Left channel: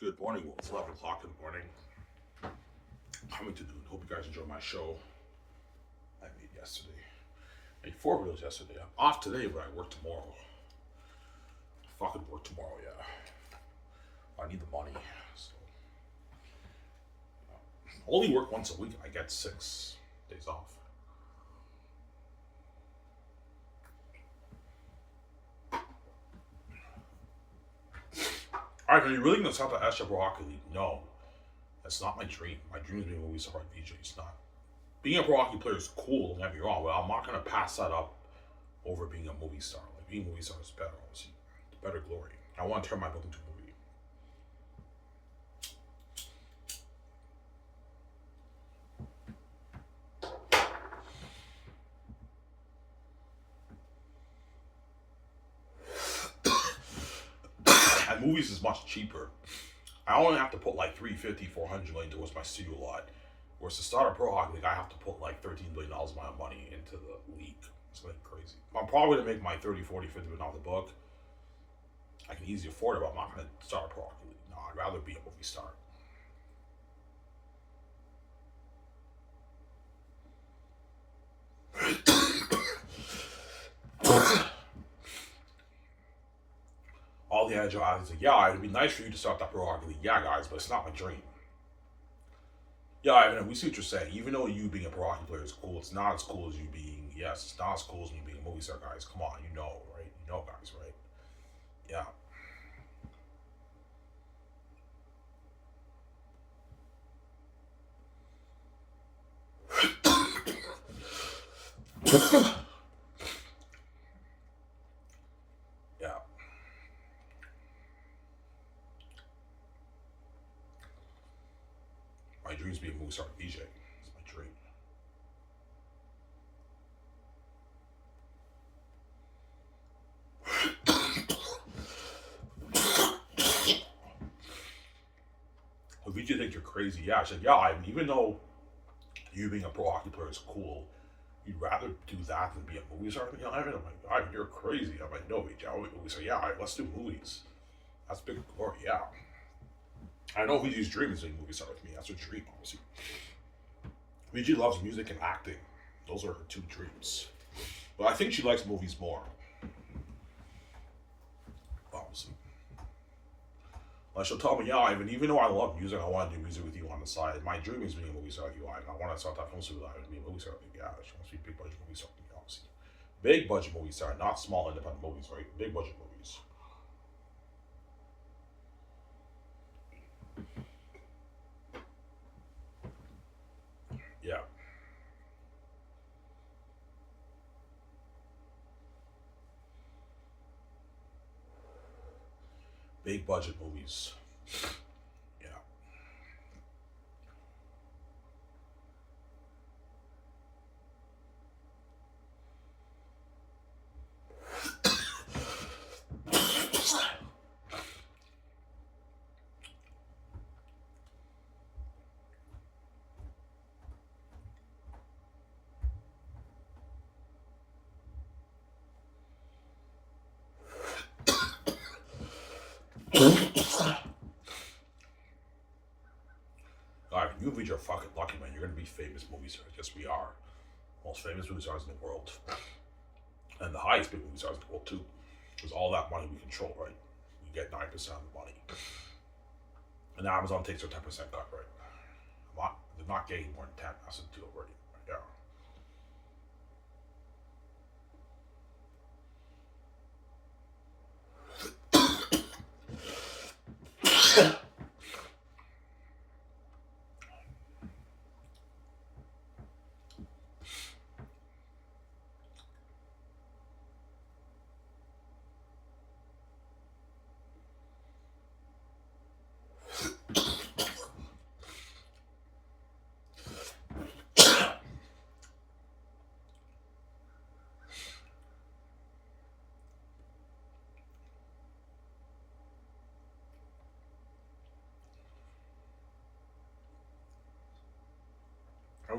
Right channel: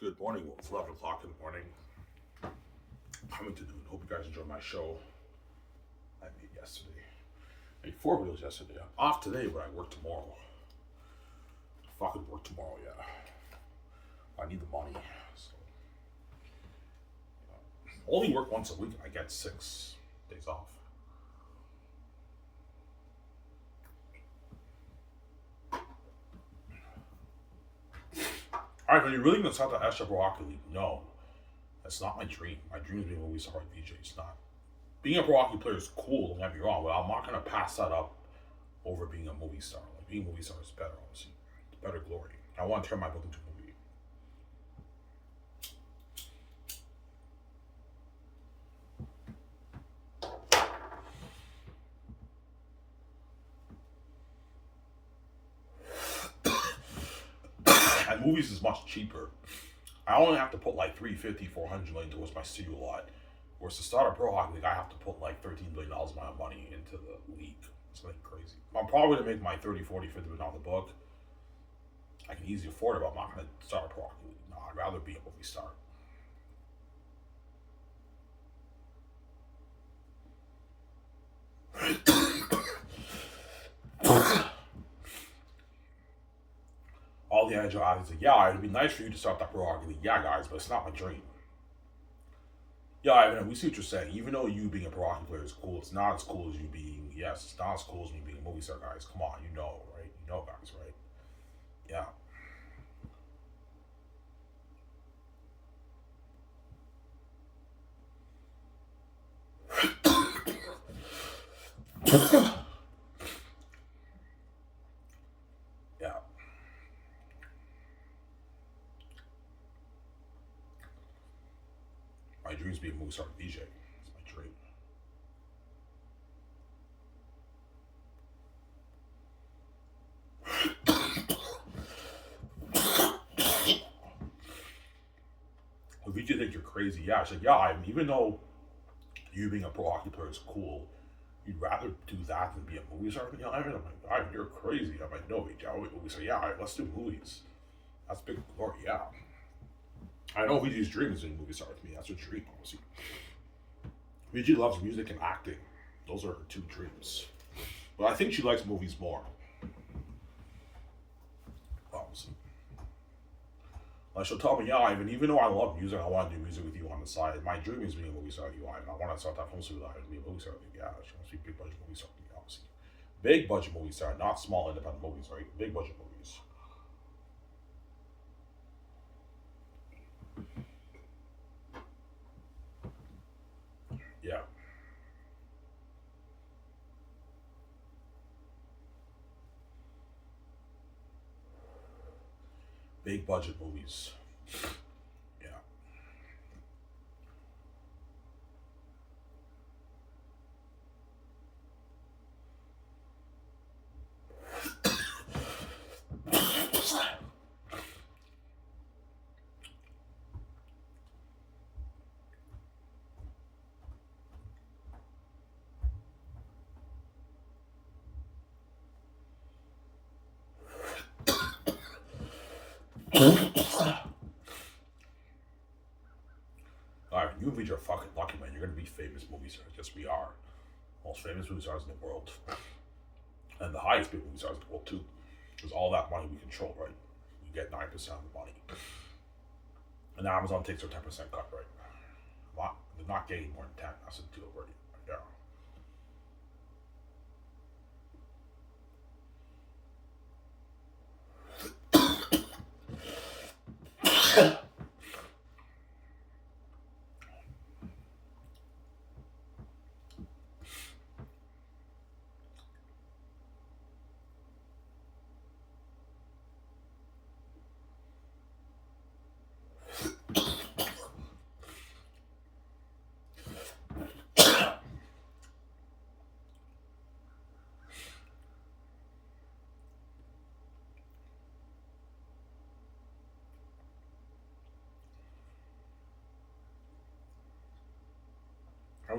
Good morning. Well, it's 11 o'clock in the morning. Coming to noon. Hope you guys enjoyed my show I made yesterday. I made 4 videos yesterday. I'm off today, but I work tomorrow. I fucking work tomorrow, yeah. I need the money. So, only work once a week. I get 6 days off. Alright, are you really going to start the Extra Pro Hockey League? No. That's not my dream. My dream is being a movie star DJ. It's not. Being a pro hockey player is cool, don't get me wrong, but I'm not going to pass that up over being a movie star. Like, being a movie star is better, obviously. It's better glory. I want to turn my book into a movie. And movies is much cheaper. I only have to put like $350, $400 million towards my studio lot. Whereas to start a pro hockey league, I have to put like $13 billion of my money into the league. It's like crazy. I'm probably going to make my 30, 40, 50 million off the book. I can easily afford it, but I'm not going to start a pro hockey league. No, I'd rather be a movie star. All the agile athletes like, yeah, it'd be nice for you to start that pro hockey league. Yeah, guys, but it's not my dream. Yeah, Ivan, we see what you're saying. Even though you being a pro hockey player is cool, it's not as cool as you being, yes, it's not as cool as me being a movie star, guys. Come on, you know, right? You know, guys, right? Yeah. Yeah. My dream is being a movie star DJ. It's my dream. If you think you're crazy, yeah, I said, yeah, Ivan, even though you being a pro hockey player is cool, you'd rather do that than be a movie star? You know, Ivan, I'm like, Ivan, you're crazy. I'm like, no, I want to be a movie star. Yeah, all right, let's do movies. That's big glory, yeah. I know VG's dream is doing movie star with me. That's her dream, obviously. VG loves music and acting. Those are her 2 dreams. But I think she likes movies more. Obviously. Like she'll tell me, yeah, Ivan, even though I love music, I want to do music with you on the side. My dream is being a movie star with you, Ivan. I want to start that film studio with Ivan and be a movie star with you. Yeah, she wants to be a big budget movie star with me, obviously. Big budget movie star, not small independent movies, right? Big budget movies. Yeah. Big budget movies. Yeah. Alright, you and are fucking lucky, man. You're gonna be famous movie stars. Yes, we are. Most famous movie stars in the world. And the highest paid movie stars in the world, too. Because all that money we control, right? We get 9% of the money. And Amazon takes their 10% cut, right? They're not getting more than 10. That's the deal already. Yeah.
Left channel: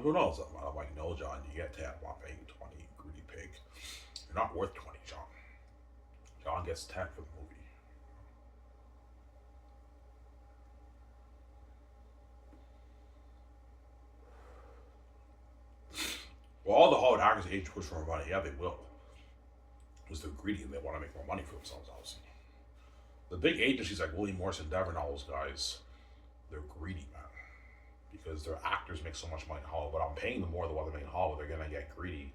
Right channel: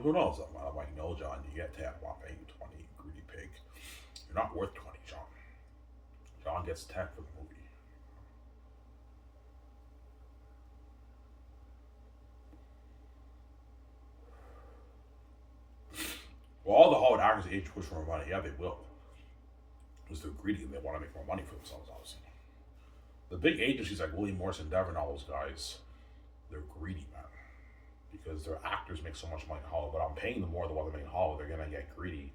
Who knows? I'm like, no, John, you get 10. I'm not paying you 20, you greedy pig. You're not worth 20, John. John gets 10 for the movie. actors age push for more money. Yeah, they will. Because they're greedy and they want to make more money for themselves, obviously. The big agencies like William Morris Endeavor and all those guys, they're greedy, man. Because their actors make so much money in Hollywood, but I'm paying them more than what they make in Hollywood. They're gonna get greedy.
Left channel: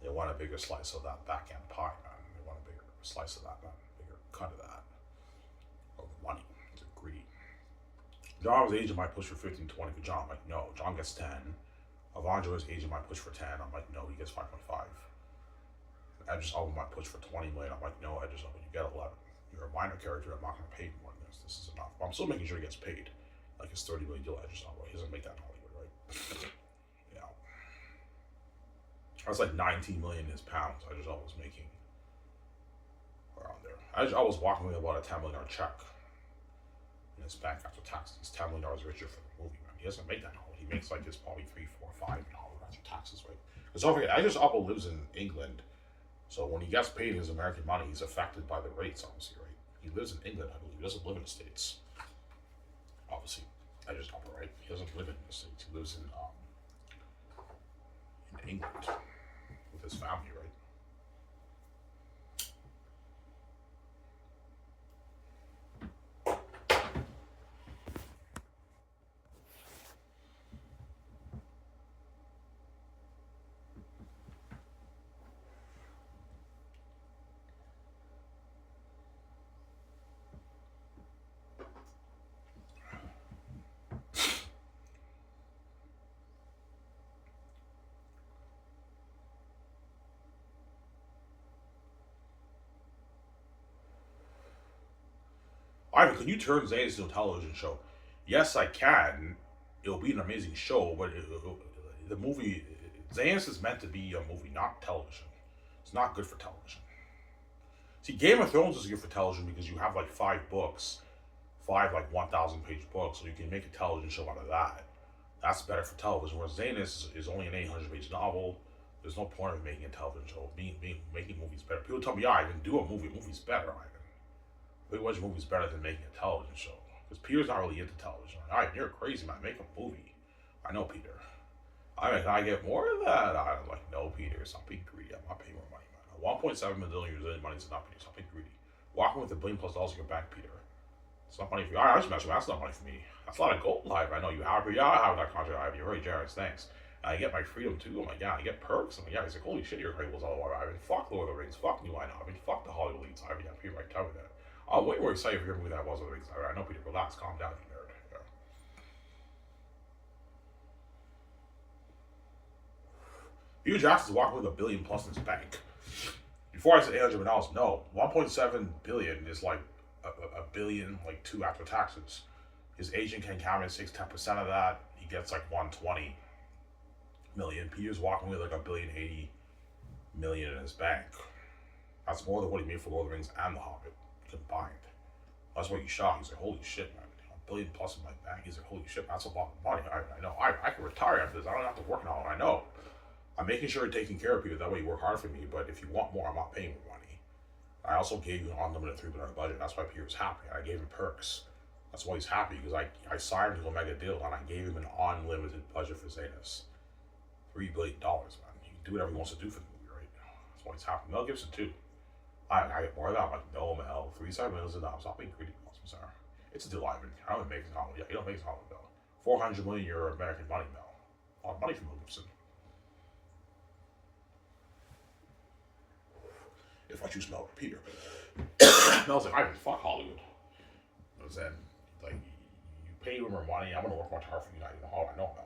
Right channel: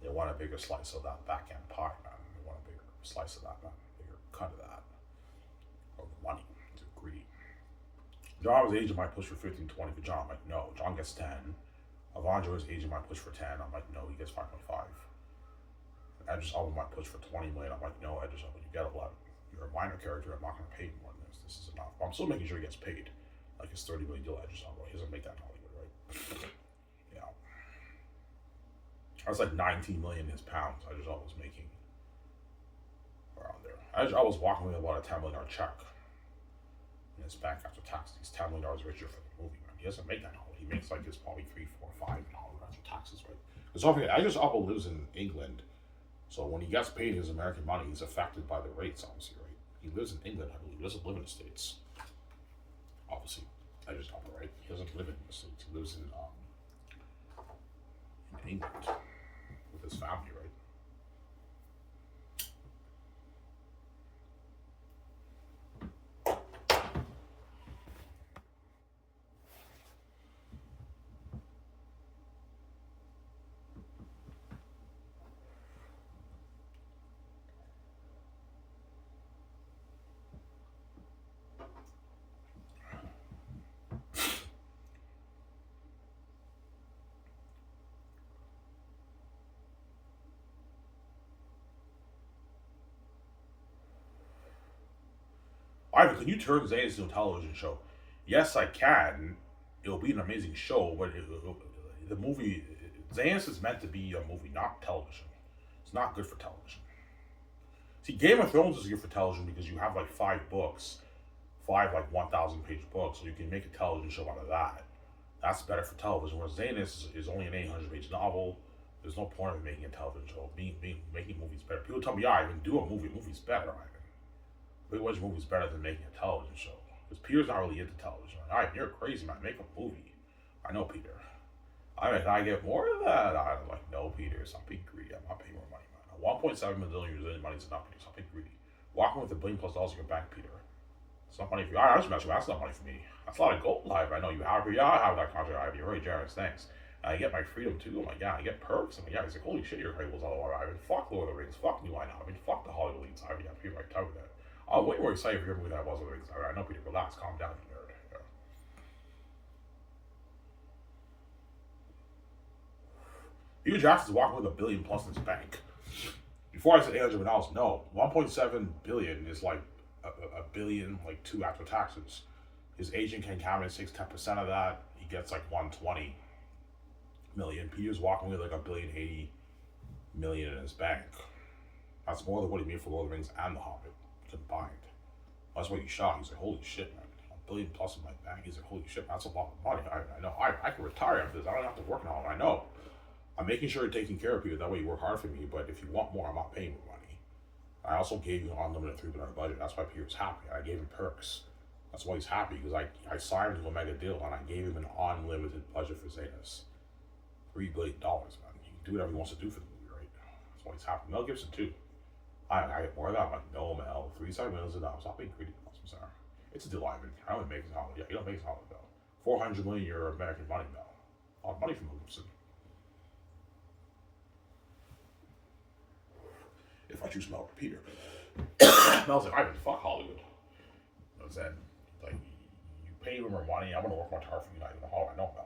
They want a bigger slice of that back end pie, man. They want a bigger slice of that, man. Bigger cut of that. Of the money. They're greedy. John was agent might push for 15, 20 for John. I'm like, no. John gets 10. Avanjo's agent might push for 10. I'm like, no, he gets 5.5. Edris Elba might push for 20 million. I'm like, no, Edris Elba, you get 11. You're a minor character. I'm not going to pay more than this. This is enough. But I'm still making sure he gets paid. Like his 30 million deal, Edris Elba. He doesn't make that in Hollywood, right? Yeah. That's like 19 million his pounds. Edris Elba was making around there. Edris Elba was walking with about a $10 million check in his bank after taxes. He's $10 million richer for the movie, man. He doesn't make that in Hollywood. He makes like this probably 3, 4, 5 in Hollywood after taxes, right? Because don't forget, Edris Elba lives in England. So when he gets paid his American money, he's affected by the rates, obviously, right? He lives in England, I believe. He doesn't live in the States. Obviously, I just don't know, right? He doesn't live in the States. He lives in England with his family, right? Ivan, can you turn Zane's into a television show? Yes, I can. It'll be an amazing show, but the movie, Zane's is meant to be a movie, not television. It's not good for television. See, Game of Thrones is good for television because you have like 5 books, 5 like 1,000 page books, so you can make a television show out of that. That's better for television. Whereas Zane is only an 800 page novel. There's no point in making a television show. Making movies better. People tell me, yeah, Ivan, do a movie. A movie's better, Ivan. Big Watch movie's better than making a television show. Because Peter's not really into television. All right, you're crazy, man. Make a movie. I know, Peter. I mean, can I get more of that? I'm like, no, Peter. Stop being greedy. I'm not paying more money, man. 1.7 million Brazilian money is enough, Peter. Stop being greedy. Walking with $1 billion+ in your bank, Peter. It's not money for you. All right, I just mentioned that's not money for me. That's a lot of gold live. I know you have. Yeah, I have that contract. I have. You're very generous. Thanks. I get my freedom too. I'm like, yeah, I get perks. I'm like, yeah. He's like, holy shit, you're incredible. I mean, fuck Lord of the Rings. Fuck New Line. I mean, fuck the Hollywood leads. I mean, yeah, Peter, right? Tell me that. I'm way more excited for your movie than I was with the Rings. I know, Peter. Relax. Calm down, you nerd. Yeah. Peter Jackson's walking with $1 billion+ in his bank. Before I said $800 million, no. 1.7 billion is like a billion, like 2 after taxes. His agent can count in 10% of that. He gets like 120 million. Peter's walking with like $1.08 billion in his bank. That's more than what he made for Lord of the Rings and The Hobbit combined. That's what he's shocked. He's like, holy shit, man. $1 billion+ in my bank. He's like, holy shit, that's a lot of money. I know. I can retire after this. I don't have to work now. I know. I'm making sure you're taking care of Peter. That way you work hard for me. But if you want more, I'm not paying more money. I also gave you an unlimited $3 billion budget. That's why Peter's happy. I gave him perks. That's why he's happy, because I signed him to a mega deal and I gave him an unlimited budget for Zetas. $3 billion, man. He can do whatever he wants to do for the movie, right? That's why he's happy. Mel Gibson too. I get more of that. I'm like, no, Mel, 3 million is enough. Stop being greedy. I'm sorry. It's a deal, Ivan. I don't make it Hollywood. Yeah, you don't make it Hollywood, Mel. 400 million euro American money, Mel. A lot of money from Mel Gibson. If I choose Mel or Peter. Mel's like, Ivan, fuck Hollywood. And then, like, you pay me more money. I'm going to work much harder for you. Not even Hollywood. I know, Mel.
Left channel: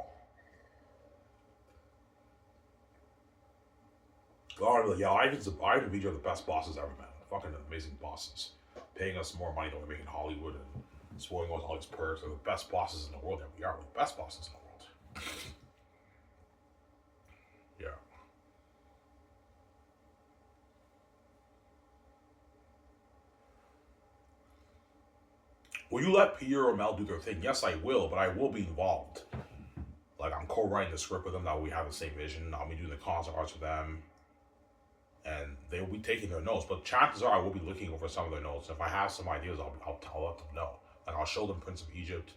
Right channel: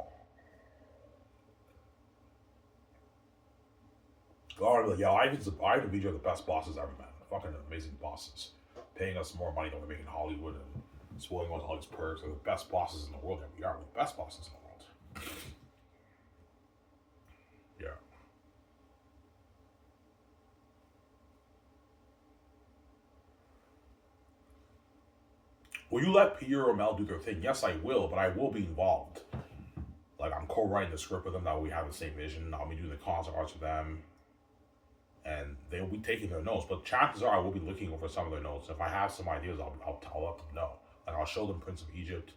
God, like, yeah, Ivan and BJ are the best bosses ever, man. Fucking amazing bosses. Paying us more money than we make in Hollywood and spoiling us all these perks. They're the best bosses in the world that we are. We're the best bosses in the world. Yeah. Will you let Peter or Mel do their thing? Yes, I will, but I will be involved. Like, I'm co-writing the script with them. That we have the same vision. I'll be doing the concept arts with them. And they will be taking their notes, but chances are I will be looking over some of their notes. If I have some ideas, I'll let them know. Like, I'll show them Prince of Egypt.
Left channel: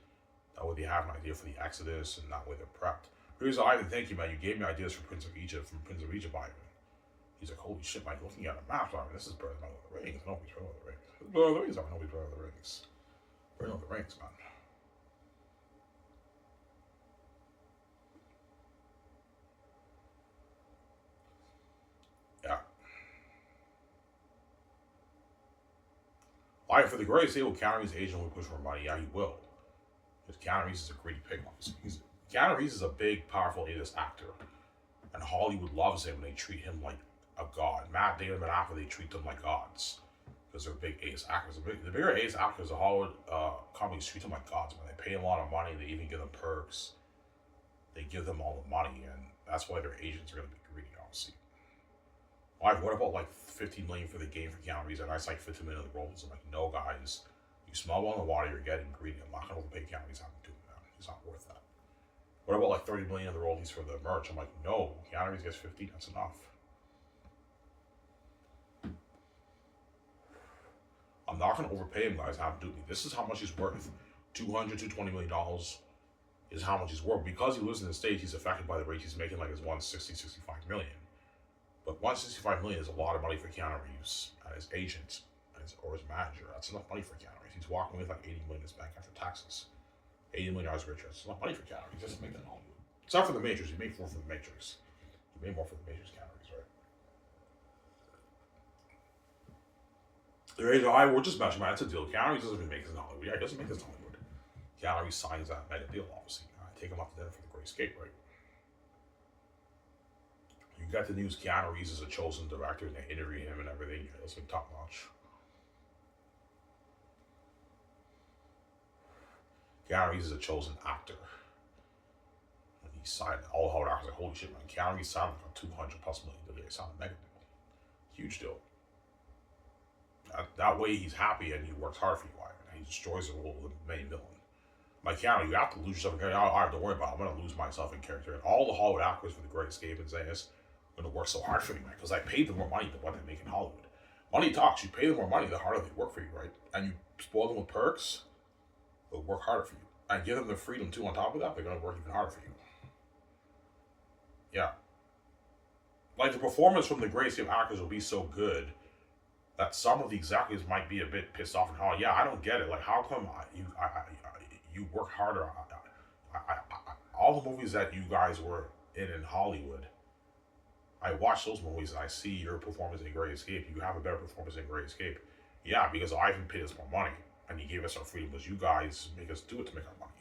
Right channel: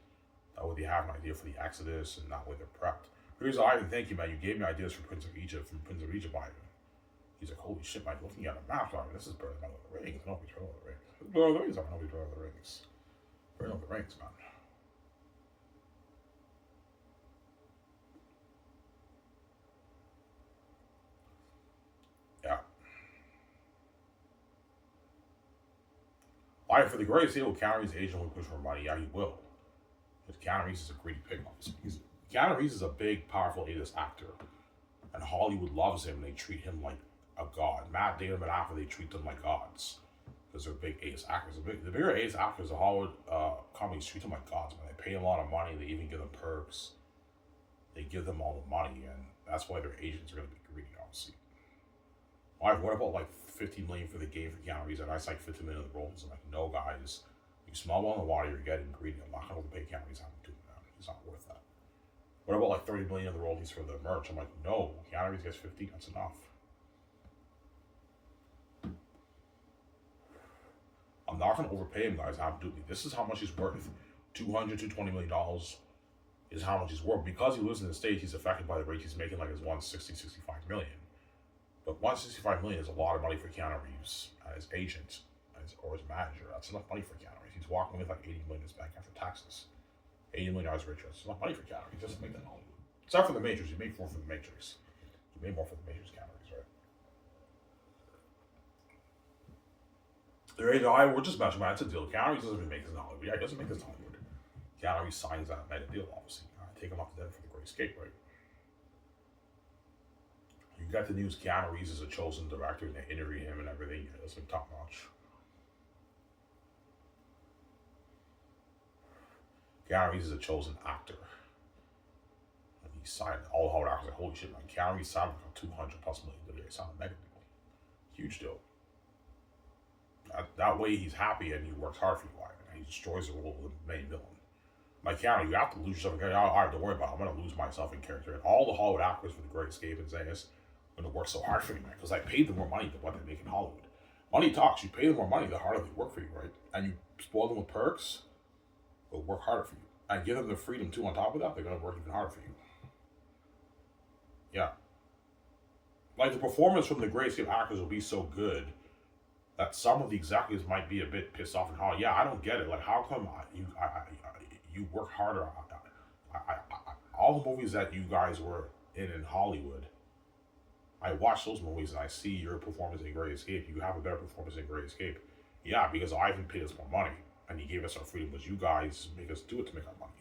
That way they have an idea for the Exodus, and that way they're prepped. Here's Ivan, thank you, man. You gave me ideas for Prince of Egypt from Prince of Egypt, Ivan. He's like, holy shit, Mike, looking at a map, Ivan, this is better than Lord of the Rings. Nobody's better than Lord of the Rings. Lord of the Rings, Ivan, nobody's better than Lord of the Rings. Better than Lord of the Rings, man. Yeah. Ivan, for the greatest deal, Keanu Reeves' agent will push for money. Yeah, he will. Because Keanu Reeves is a greedy pig, obviously. Keanu Reeves is a big, powerful A-list actor. And Hollywood loves him. They treat him like a god. Matt Damon and Apple, they treat them like gods. Because they're big ace actors. The bigger ace actors, the Hollywood companies treat them like gods, man. They pay them a lot of money. They even give them perks. They give them all the money. And that's why their agents are going to be greedy, obviously. Like, what about like 15 million for the game for Keanu Reeves? And I like 15 million of the roles. I'm like, no, guys. You smell one in the water, you're getting greedy. I'm not going to pay Keanu Reeves how to do that. He's not worth that. What about like 30 million of the royalties for the merch? I'm like, no, Keanu Reeves gets 15, that's enough. I'm not going to overpay him, guys. Have to do me. This is how much he's worth. $200 to $220 million is how much he's worth. Because he lives in the States, he's affected by the rate he's making, like his 160, 65 million. But 165 million is a lot of money for Keanu Reeves and his agent or his manager. That's enough money for Keanu Reeves. He's walking with like 80 million in his bank after taxes. $80 million richer. It's enough money for Keanu Reeves. He doesn't make that in Hollywood. Except for the Matrix. He made more for the Matrix. He made more for the Matrix, Keanu Reeves, right? They're age high. We're just mentioning, man. It's a deal. Keanu Reeves doesn't even make this in Hollywood. Yeah, he doesn't make this in Hollywood. Keanu Reeves signs that mega deal, obviously. Take him off to dinner for the Great Escape, right? You got the news Keanu Reeves is a chosen director and they interview him and everything. Yeah, that's been top notch. Keanu Reeves is a chosen actor. And he signed all the Hollywood actors like, holy shit, man. Keanu Reeves signed for 200 plus million. He signed a mega deal. Huge deal. That way he's happy and he works hard for you, Ivan. And he destroys the role of the main villain. Like, Keanu, you have to lose yourself in character. I have to worry about it. I'm going to lose myself in character. And all the Hollywood actors for the Great Escape and saying this are going to work so hard for me, man. Because I paid them more money than what they make in Hollywood. Money talks. You pay them more money, the harder they work for you, right? And you spoil them with perks, they'll work harder for you. And give them the freedom, too, on top of that, they're going to work even harder for you. Yeah. Like, the performance from the Great Escape actors will be so good that some of the executives might be a bit pissed off and how, yeah, I don't get it. Like, how come you work harder? All the movies that you guys were in Hollywood, I watch those movies and I see your performance in Great Escape. You have a better performance in Great Escape. Yeah, because Ivan paid us more money and he gave us our freedom, because you guys make us do it to make our money.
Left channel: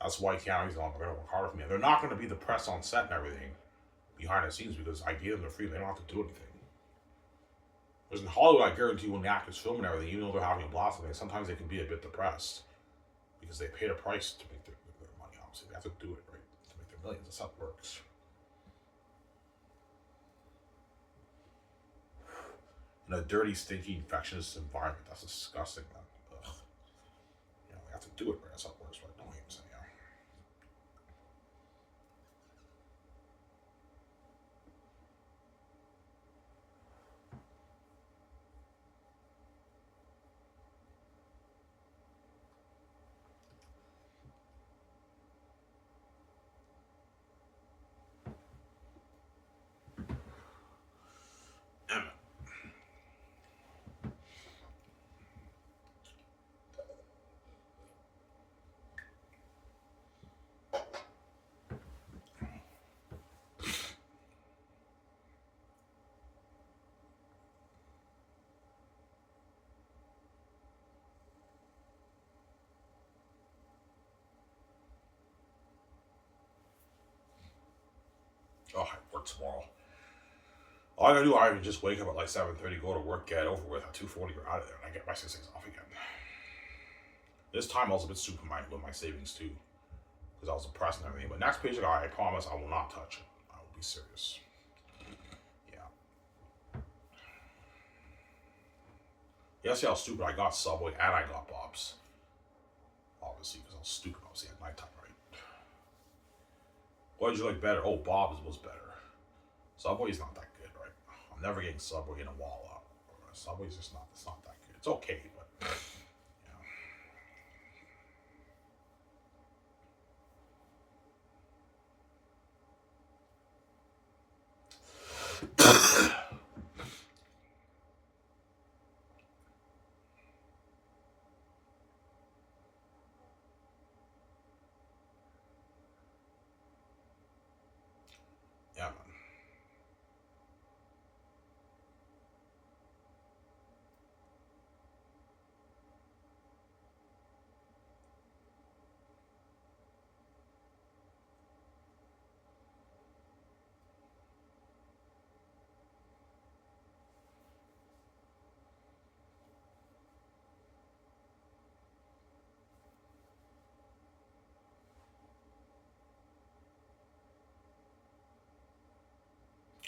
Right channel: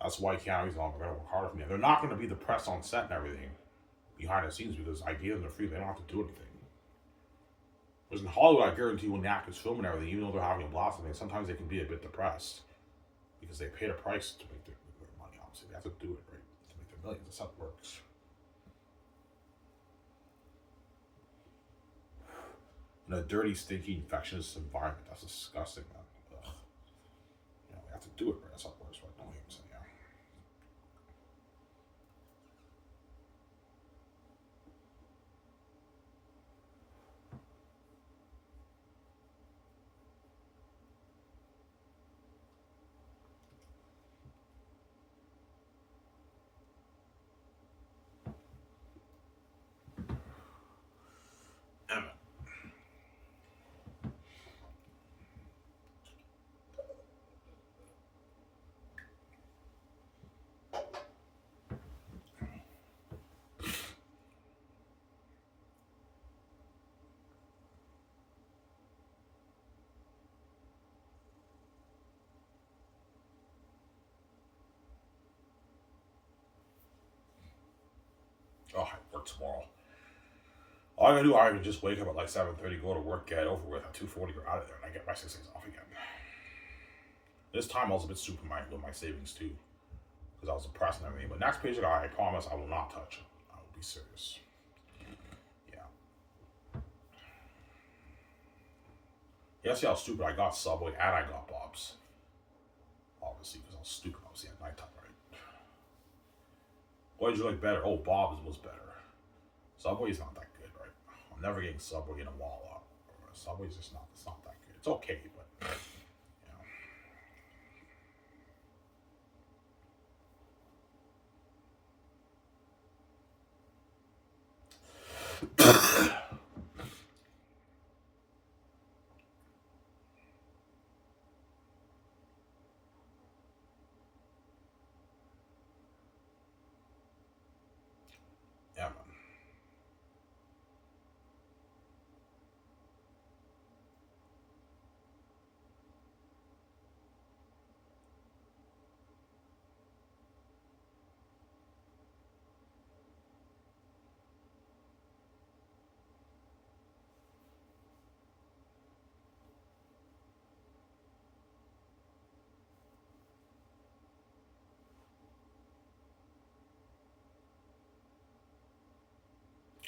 That's why Keanu's going to work harder for me. And they're not going to be the press on set and everything behind the scenes because I gave them the freedom. They don't have to do anything. Whereas in Hollywood, I guarantee you when the actors film and everything, even though they're having a blast and sometimes they can be a bit depressed because they paid a price to make their money, obviously. They have to do it, right? To make their millions. That's how it works. In a dirty, stinky, infectious environment. That's disgusting, man. Ugh. You know, they have to do it, right? That's how it works, right? No, I'm saying, yeah. Damn it. Oh, I work tomorrow. All I gotta do, I just wake up at like 7:30, go to work, get over with. At 2:40, you're out of there, and I get my 6 days off again. This time I was a bit stupid with my savings too, because I was depressed and everything. But next paycheck, I promise I will not touch it. I will be serious. Yeah. Yeah, see how stupid I got Subway and I got Bob's. Obviously, because I was stupid. Obviously, at nighttime, right? What did you like better? Oh, Bob's was better. Subway's not that good, right? I'm never getting Subway in a wall up. Subway's just not. It's not that good. It's okay, but yeah. Yeah, man.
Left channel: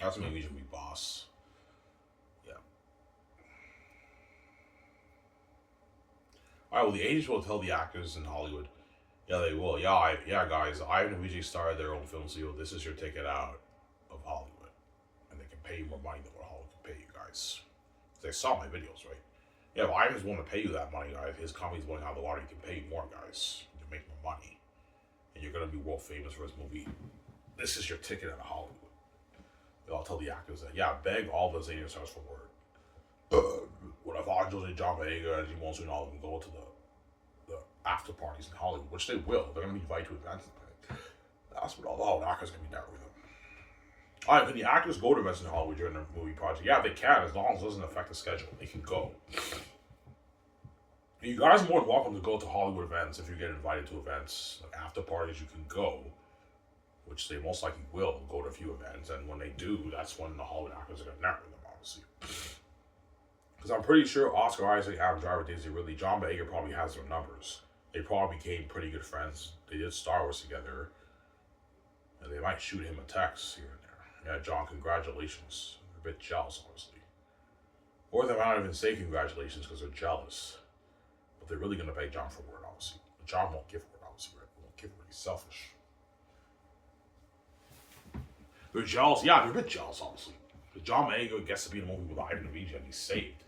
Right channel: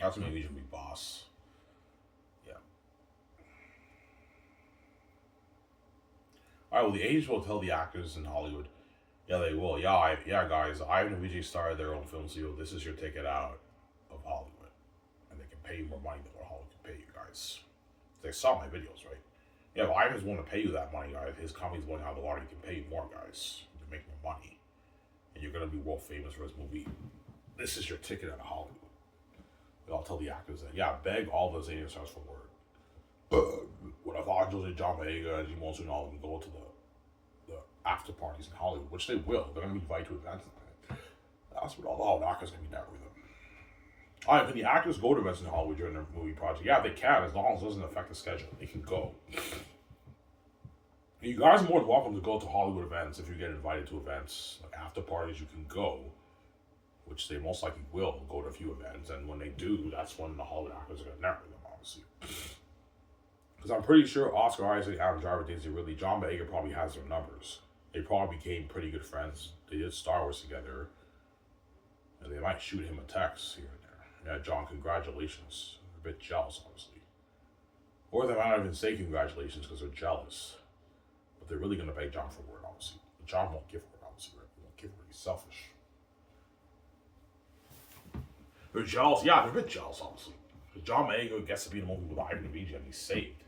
That's maybe we should be boss. Yeah. All right. Well, the agents will tell the actors in Hollywood. Yeah, they will. Yeah, yeah, guys. Ivan and Vijay started their own film studio. This is your ticket out of Hollywood, and they can pay you more money than what Hollywood can pay you guys. They saw my videos, right? Yeah, if Ivan's willing to pay you that money, guys, his company's going out of the water. He can pay you more, guys. You can make more money, and you're gonna be world famous for his movie. This is your ticket out of Hollywood. I'll tell the actors that. Yeah, beg all those Asian stars for word. What if Angels and John Boyega and Jim Monsoon all of them go to the after parties in Hollywood, which they will. They're gonna be invited to events. That's what all the actors gonna be there with them. All right, can the actors go to events in Hollywood during their movie project? Yeah, they can, as long as it doesn't affect the schedule. They can go. You guys are more than welcome to go to Hollywood events if you get invited to events. Like after parties, you can go, which they most likely will go to a few events. And when they do, that's when the Hollywood actors are going to network them, obviously. Because I'm pretty sure Oscar Isaac, Adam Driver, Daisy Ridley, John Boyega probably has their numbers. They probably became pretty good friends. They did Star Wars together. And they might shoot him a text here and there. Yeah, John, congratulations. They're a bit jealous, honestly. Or they might not even say congratulations because they're jealous. But they're really going to beg John for word, obviously. But John won't give word, obviously. Right? He won't give word. He's selfish. They're jealous. Yeah, they're a bit jealous, obviously. Because John Boyega gets to be in a movie with Ivan and Vijay and he's saved.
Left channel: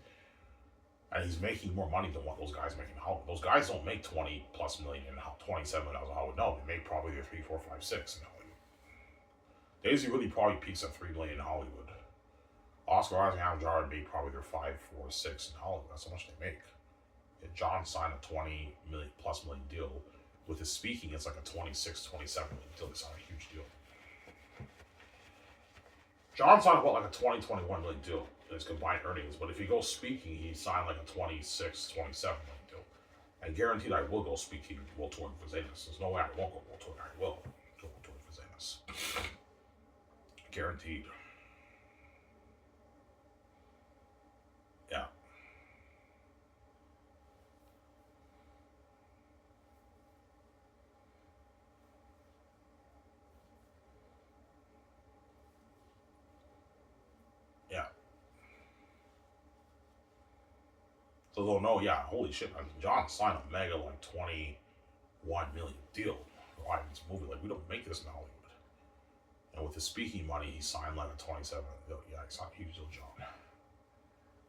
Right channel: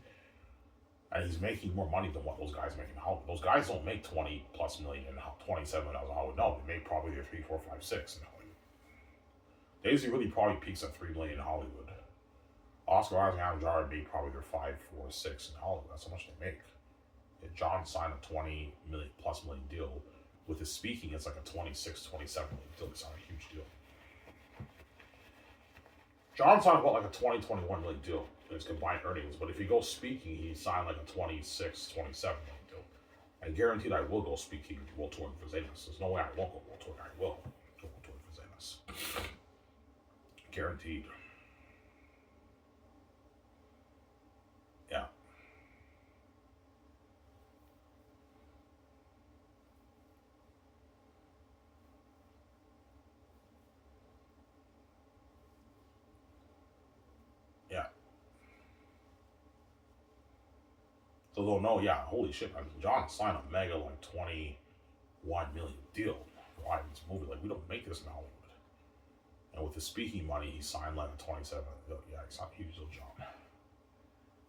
And he's making more money than what those guys make in Hollywood. Those guys don't make 20 plus million in 27 in Hollywood. No, they make probably their 3, 4, 5, 6 in Hollywood. Daisy really probably peaks at 3 million in Hollywood. Oscar Isaac and Adam Driver made probably their 5, 4, 6 in Hollywood. That's how much they make. And John signed a 20 million plus million deal. With his speaking, it's like a 26, 27 million deal. It's not a huge deal. John signed about like a 20, 21 million deal in his combined earnings. But if he goes speaking, he signed like a 26, 27 million deal. And guaranteed I will go speaking World Tour for Zenas. There's no way I won't go World Tour. I will go World Tour for Zenas. Guaranteed. Yeah. Yeah. So they'll know, yeah, holy shit, I mean, John signed a mega like 21 million deal for Ivan's movie. Like, we don't make this in Hollywood. And with his speaking money, he signed like a 27 million. Yeah, he's not a huge deal, John.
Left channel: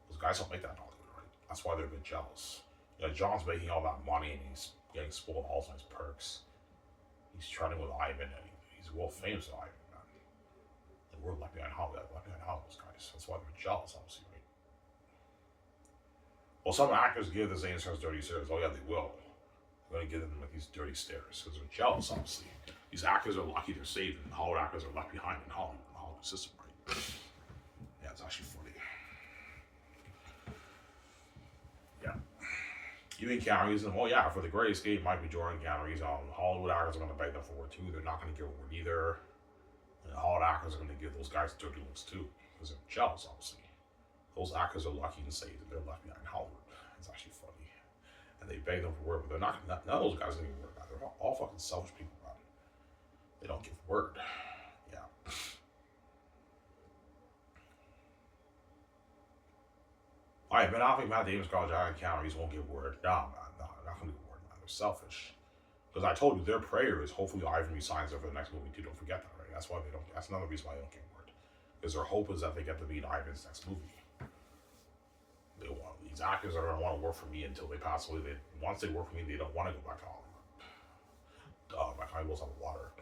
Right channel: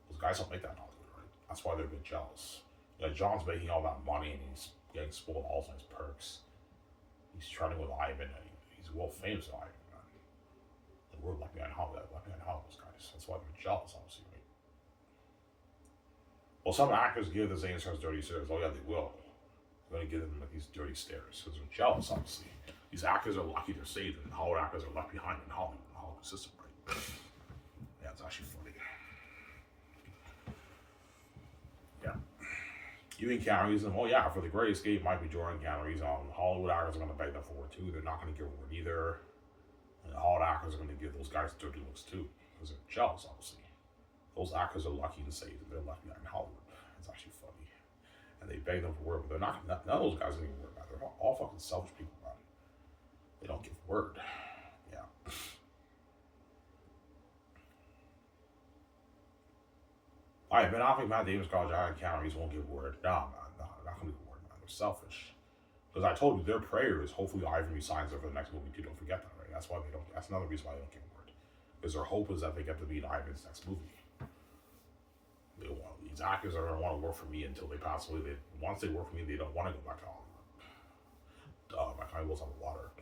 Those guys don't make that in Hollywood, right? That's why they're a bit jealous. Yeah, John's making all that money and he's getting spoiled all his perks. He's trending with Ivan and he's world famous with Ivan, man. And we're left behind Hollywood, those guys. That's why they're jealous, obviously, right? Well, some actors give the Zane stars dirty stares. Oh, yeah, they will. They're going to give them like these dirty stares because they're jealous, obviously. These actors are lucky they're saved, and Hollywood actors are left behind in Hollywood, the Hollywood system, right? Yeah, it's actually funny. Yeah. Even Keanu Reeves, oh yeah, for the Great Escape, Michael Jordan, Keanu Reeves, Hollywood actors are going to beg them for word too. They're not going to give a word either. And Hollywood actors are going to give those guys dirty looks too because they're jealous, obviously. Those actors are lucky and saved, and they're left behind in Hollywood. It's actually funny. And they beg them for word, but they're not. None of those guys are going to give word. They're all fucking selfish people, man. They don't give word. Yeah. All right, Ben Affleck, Matt Davis, Carl Jr., and Keanu Reeves won't give word. No, man, no, they're not going to give word, man. They're selfish. Because I told you, their prayer is hopefully Ivan resigns there for the next movie too. Don't forget that, right? That's why they don't. That's another reason why they don't give word. Because their hope is that they get to be in Ivan's next movie. They want, these actors are going to want to work for me until they pass away. Once they work for me, they don't want to go back to Hollywood. My kind goes on the water.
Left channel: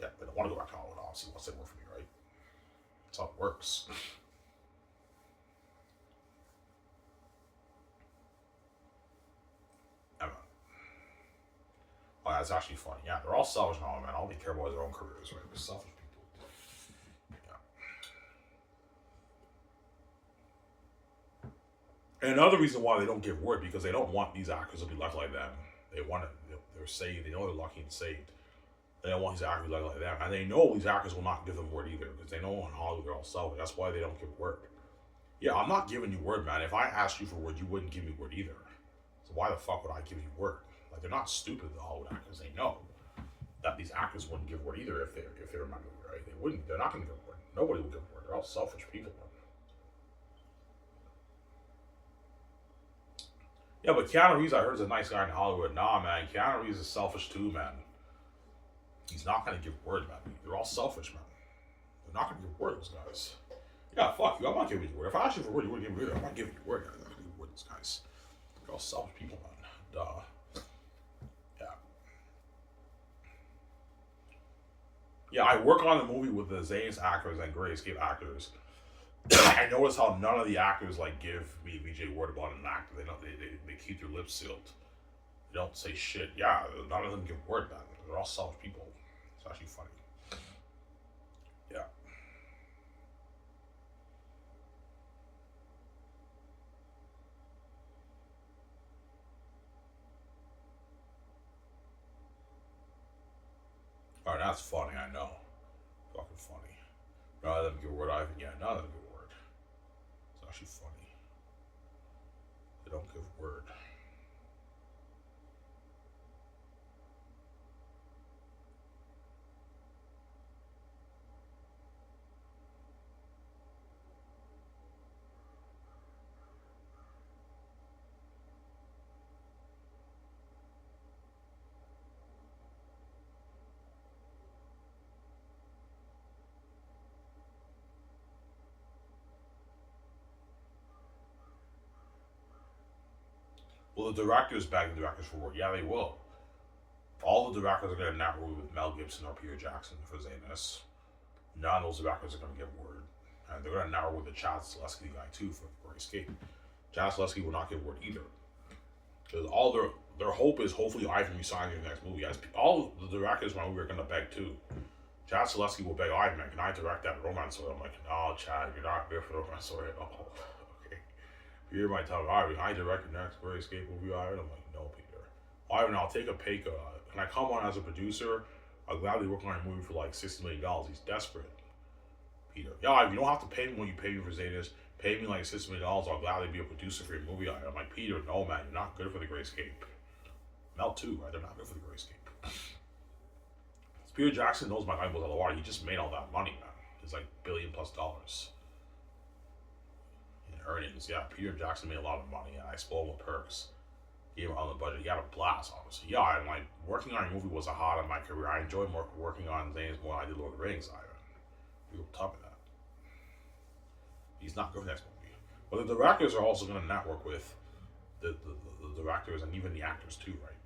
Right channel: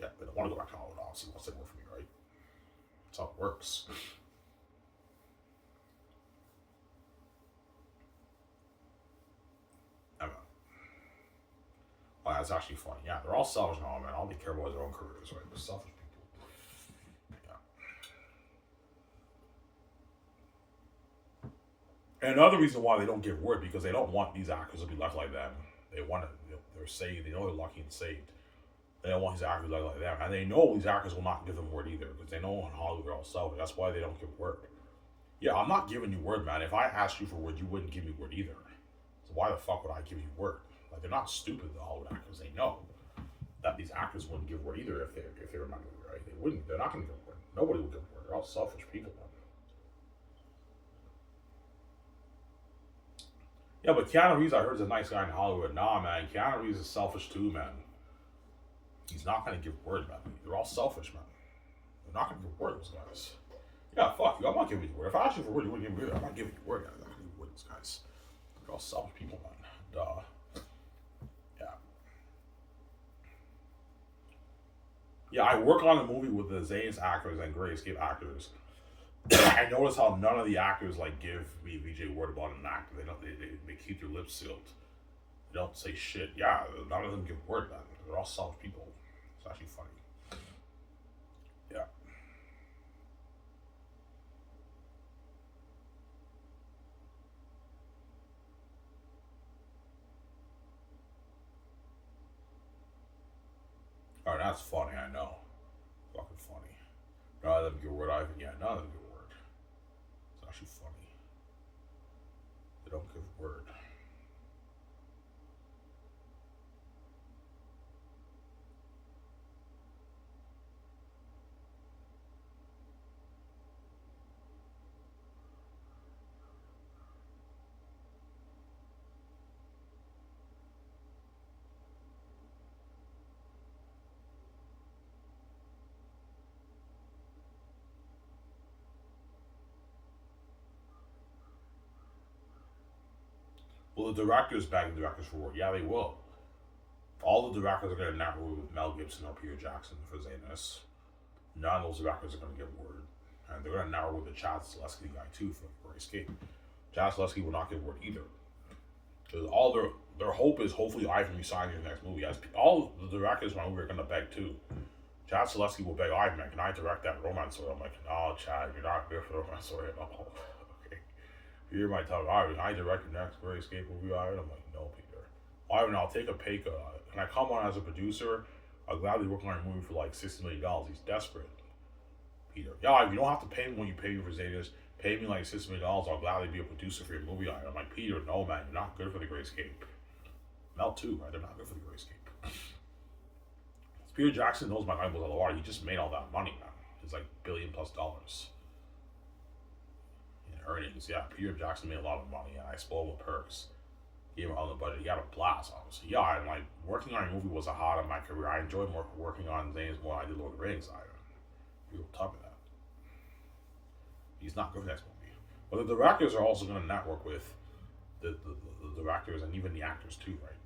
Yeah, they don't want to go back to Hollywood, obviously, once they work for me, right? That's how it works. I mean, oh, that's actually funny. Yeah, they're all selfish now, man. All they care about is their own careers, right? They're selfish people. Yeah. And another reason why they don't give word because they don't want these actors to be lucky like them. They want to. They're saved. They know they're lucky and saved. They don't want these actors like them, and they know these actors will not give them word either because they know in Hollywood they're all selfish. That's why they don't give word. Yeah, I'm not giving you word, man. If I asked you for word, you wouldn't give me word either. So why the fuck would I give you word? Like they're not stupid, the Hollywood actors. They know that these actors wouldn't give word either if they were not movie, right? They wouldn't. They're not going to give word. Nobody will give word. They're all selfish people, man. Yeah, but Keanu Reeves, I heard, is a nice guy in Hollywood. Nah, man. Keanu Reeves is selfish too, man. He's not going to give word, man. They're all selfish, man. They're not going to give word, those guys. Yeah, fuck you. I'm not giving you word. If I asked you for word, you wouldn't give me word. I'm not giving you word. I'm not going to give word, those guys. They're all selfish people, man. Duh. Yeah. Yeah, I work on a movie with the Zane's actors and Gray Escape actors. I notice how none of the actors like give me VJ word about an actor. They don't. They keep their lips sealed. They don't say shit. Yeah, none of them give word, man. They're all selfish people. It's actually funny. Yeah. All right, that's funny. I know. Fucking funny. None of them give word either. Yeah, none of them give word. It's actually funny. They don't give word. Well, the directors beg the directors for word. Yeah, they will. All the directors are going to network with Mel Gibson or Peter Jackson for Zanus. None of those directors are going to give word. And they're going to network with the Chad Zaleski guy too for Escape. Chad Zaleski will not give word either. Because all their hope is hopefully Ivan resigns in the next movie. As all the directors in my movie are going to beg too. Chad Zaleski will beg Ivan, man, can I direct that romance story? I'm like, no, Chad, you're not there for the romance story at all. Okay. Peter might tell me, Ivan, I direct your next Great Escape movie, Ivan. I'm like, no, Peter. Ivan, I'll take a pay cut. Can I come on as a producer? I'll gladly work on your movie for like $60 million. He's desperate. Peter, yeah, you don't have to pay me when you pay me for Zetas. Pay me like $60 million. I'll gladly be a producer for your movie. I'm like, Peter, no, man, you're not good for the Great Escape. Mel too, right? They're not good for the Great Escape. Peter Jackson knows my guy was a lot. He just made all that money, man. It's like $1 billion+ in earnings. Yeah, Peter Jackson made a lot of money, and I spoiled him with perks. Gave him all the budget. He had a blast, honestly. Yeah, and like working on a movie was a hot in my career. I enjoyed more working on Zane's more than I did Lord of the Rings. People tell me that. He's not good for the next movie. But the directors are also going to network with the directors and even the actors too, right?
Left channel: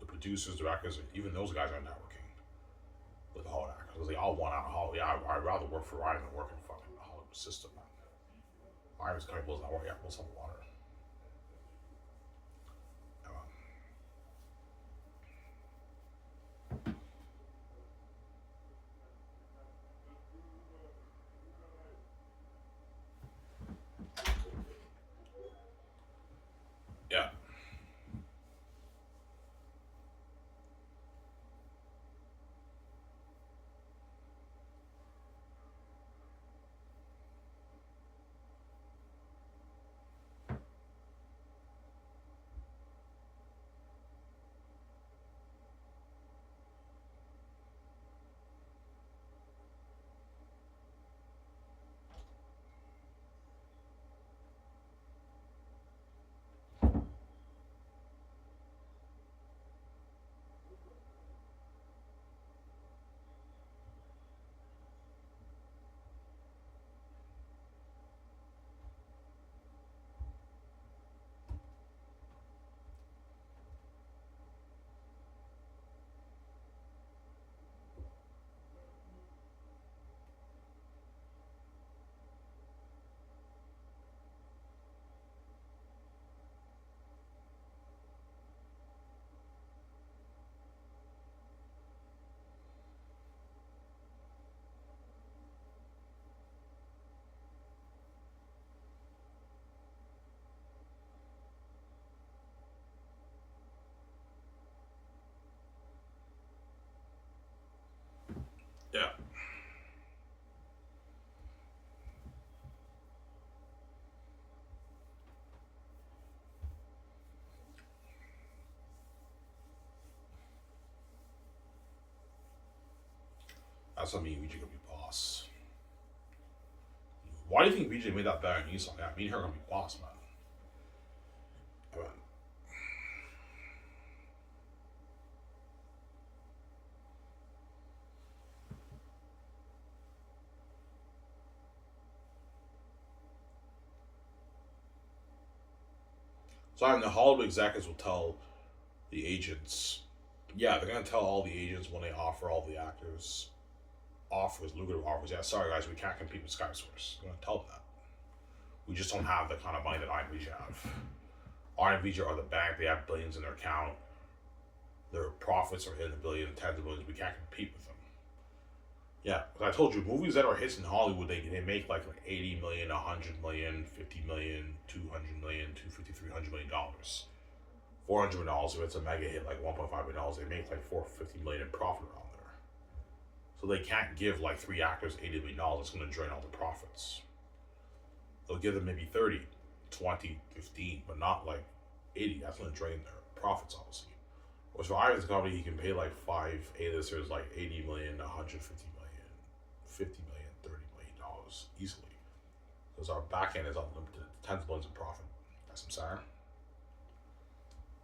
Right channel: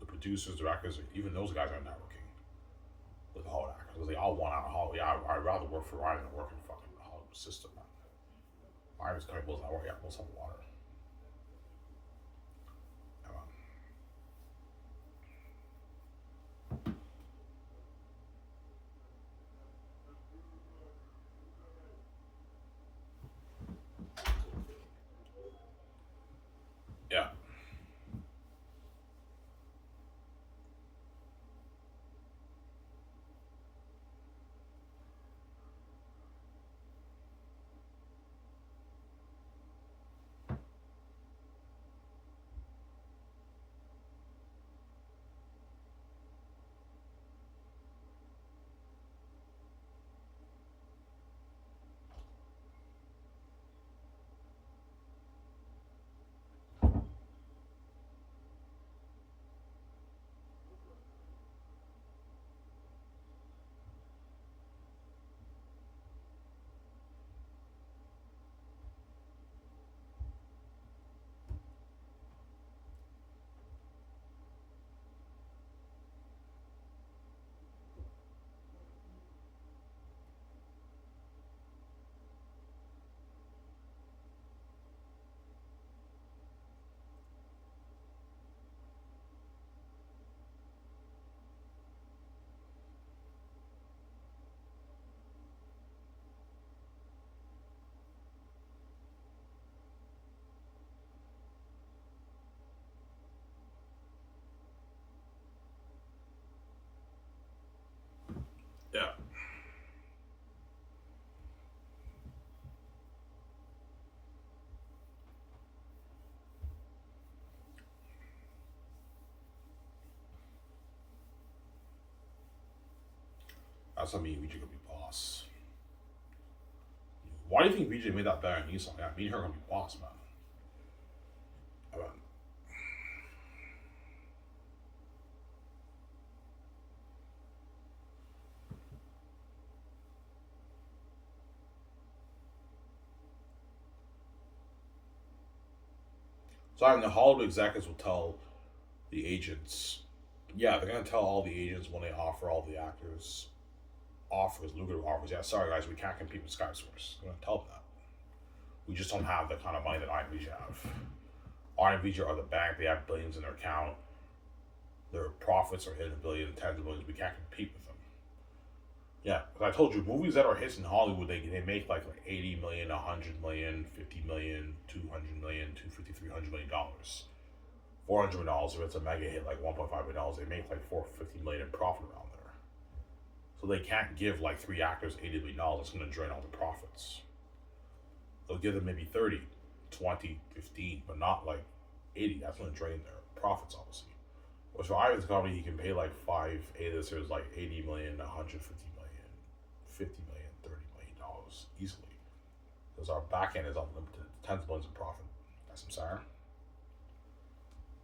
The producers, directors, even those guys are networking with the Hollywood actors. Because they all want out of Hollywood. Yeah, I'd rather work for Ryan than work in fucking the Hollywood system, man. Ryan's kind of blows out. Yeah, blows out water. Yeah. That's what me and VJ gonna be boss. Why do you think VJ made that bet on Esau? Yeah, me and her gonna be boss, man. I mean, so I mean, the Hollywood executives will tell the agents, yeah, they're gonna tell all the agents when they offer all the actors offers, lucrative offers. Yeah, sorry guys, we can't compete with Sky Source. They're gonna tell them that. We just don't have the kind of money that IMVJ have. IMVJ are the bank, they have billions in their account. Their profits are hitting a billion, tens of billions. We can't compete with them. Yeah, because I told you, movies that are hits in Hollywood, they make like 80 million, 100 million, 50 million, 200 million, 250, $300 million. $400 million, if it's a mega hit like $1.5 million, they make like 450 million in profit around there. So they can't give like three actors $80 million. It's going to drain all the profits. They'll give them maybe 30, 20, 15, but not like 80. That's going to drain their profits, obviously. Whereas for Ivan's company, he can pay like five A-listers like 80 million, 150 million, 50 million, $30 million easily. Because our back end is unlimited, tens of millions of profit. That's what I'm saying.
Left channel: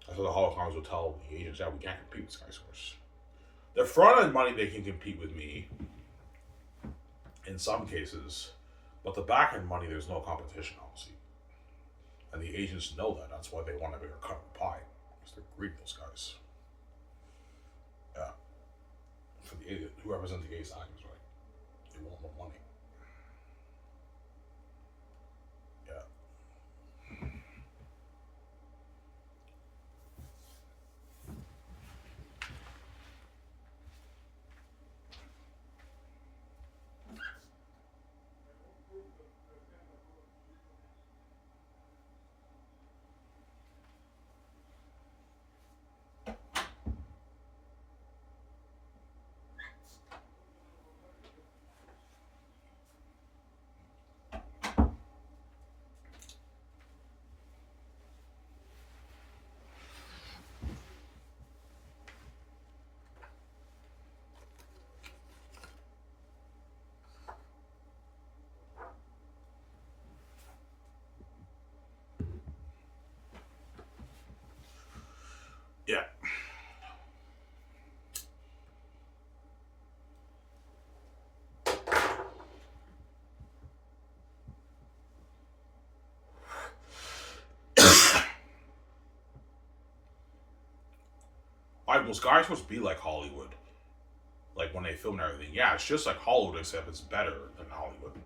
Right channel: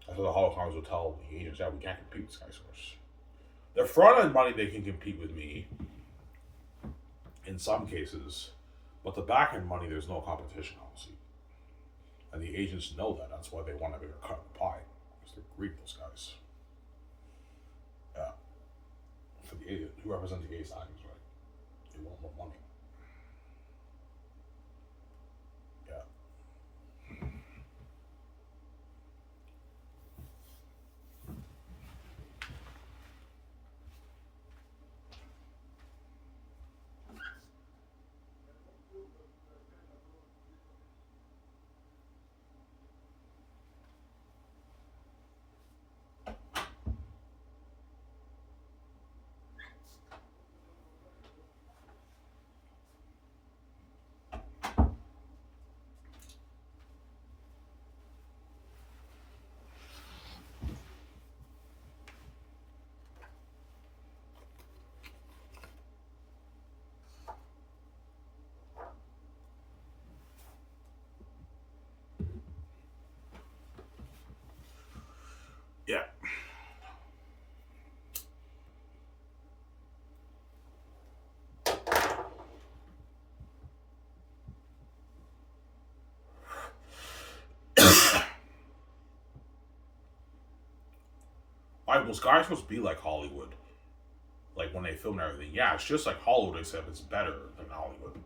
That's what the Holocaust will tell the agents, yeah, we can't compete with Sky Source. The front end money, they can compete with me in some cases, but the back end money, there's no competition, obviously. And the agents know that. That's why they want a bigger cut of the pie. Because they're greedy, those guys. Yeah. For the agent, who represents the gay actors, right? They want more money. Yeah. Yeah. Like, well, Sky's supposed to be like Hollywood. Like, when they film and everything. Yeah, it's just like Hollywood, except it's better than Hollywood.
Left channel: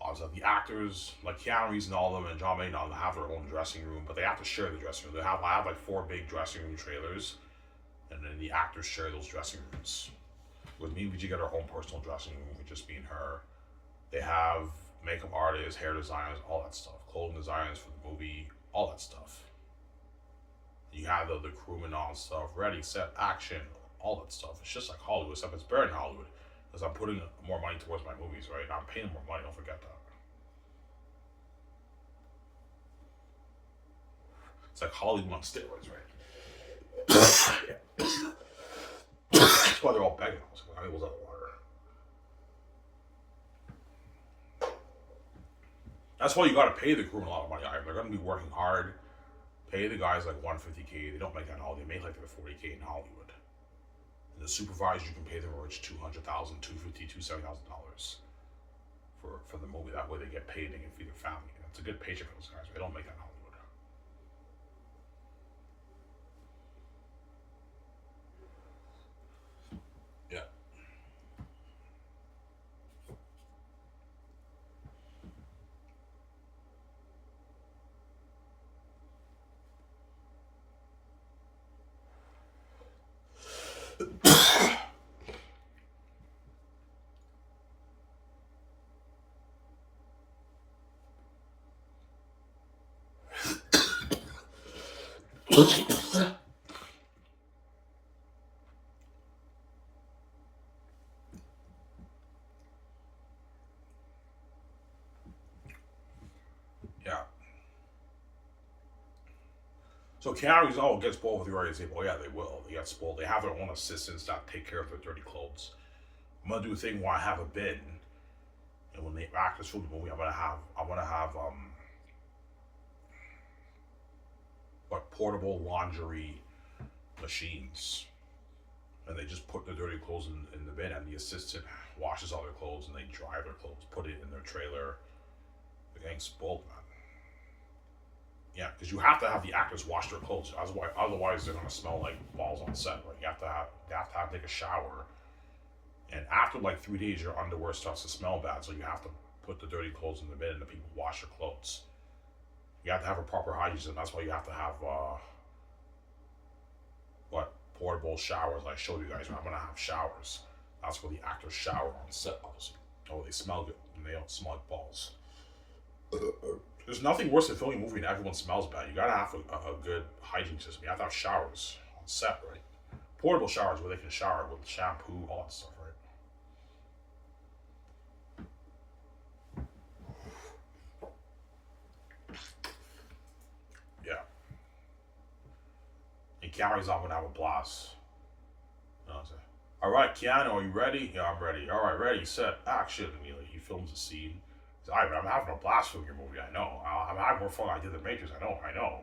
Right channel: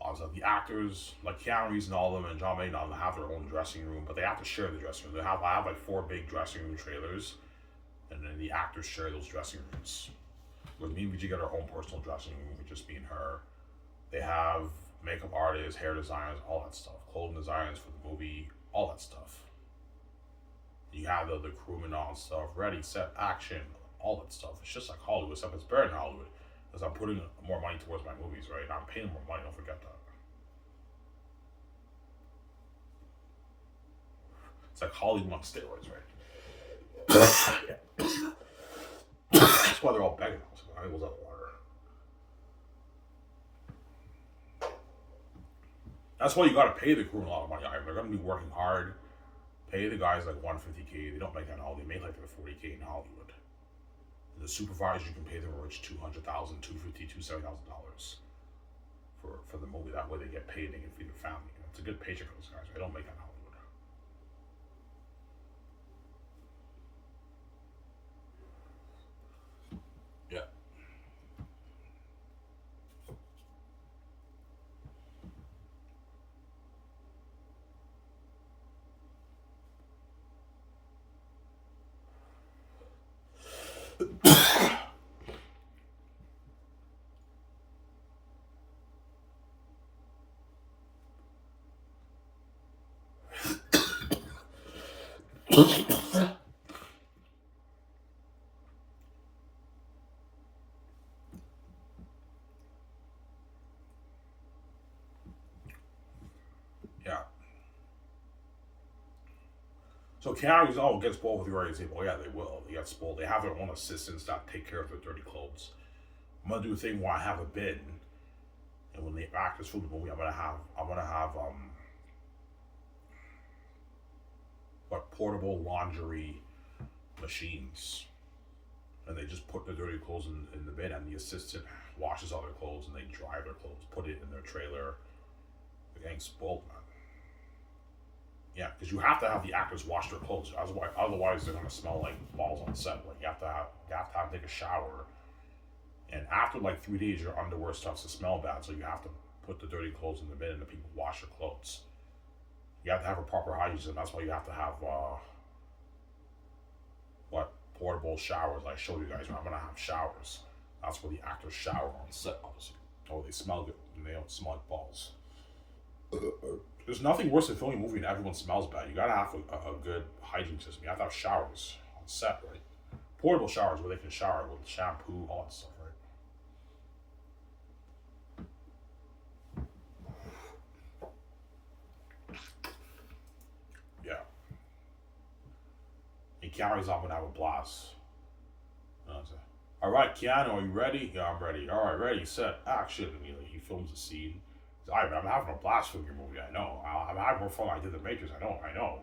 Obviously, the actors, like Keanu Reeves and all of them, and John Maynard, they have their own dressing room, but they have to share the dressing room. I have like four big dressing room trailers, and then the actors share those dressing rooms. With me, we just get our own personal dressing room, with just being her. They have makeup artists, hair designers, all that stuff, clothing designers for the movie, all that stuff. You have the crewmen on stuff, ready, set, action, all that stuff. It's just like Hollywood, except it's better than Hollywood because I'm putting more money towards my movies, right? I'm paying more money, don't forget that. It's like Hollywood on steroids, right? Yeah. That's why they're all begging us. I was out of water. That's why you got to pay the crewmen a lot of money. They're going to be working hard. Pay the guys like $150K. They don't make that in Hollywood. They make like $40K in Hollywood. And the supervisors, you can pay them a rich $200,000, $250,000, $270,000 for the movie. That way they get paid and they can feed their family. And it's a good paycheck for those guys. They don't make that in Hollywood. Yeah. Yeah. So Keanu's gets spoiled with the already say, well, yeah, they will. They get spoiled. They have their own assistants that take care of their dirty clothes. I'm gonna do a thing where I have a bin, and when the actors film the movie, I'm gonna have like portable laundry machines, and they just put the dirty clothes in the bin, and the assistant washes all their clothes, and they dry their clothes, put it in their trailer. They're getting spoiled, man. Yeah, because you have to have the actors wash their clothes. Otherwise they're gonna smell like balls on set. Like you have to take a shower, and after like 3 days, your underwear starts to smell bad. So you have to put the dirty clothes in the bin, and the people wash their clothes. You have to have a proper hygiene, and that's why you have to have what portable showers. I showed you guys. I'm gonna have showers. That's where the actors shower on set, obviously. Oh, they smell good, and they don't smell like balls. There's nothing worse than filming a movie and everyone smells bad. You gotta have a good hygiene system. You have to have showers on set, right? Portable showers where they can shower with shampoo, all that stuff, right? Yeah. And Keanu's not gonna have a blast. You know what I'm saying? All right, Keanu, are you ready? Yeah, I'm ready. All right, ready, set, action. And he films a scene. I'm having a blast filming your movie. I know. I'm having more fun than I did The Matrix. I know.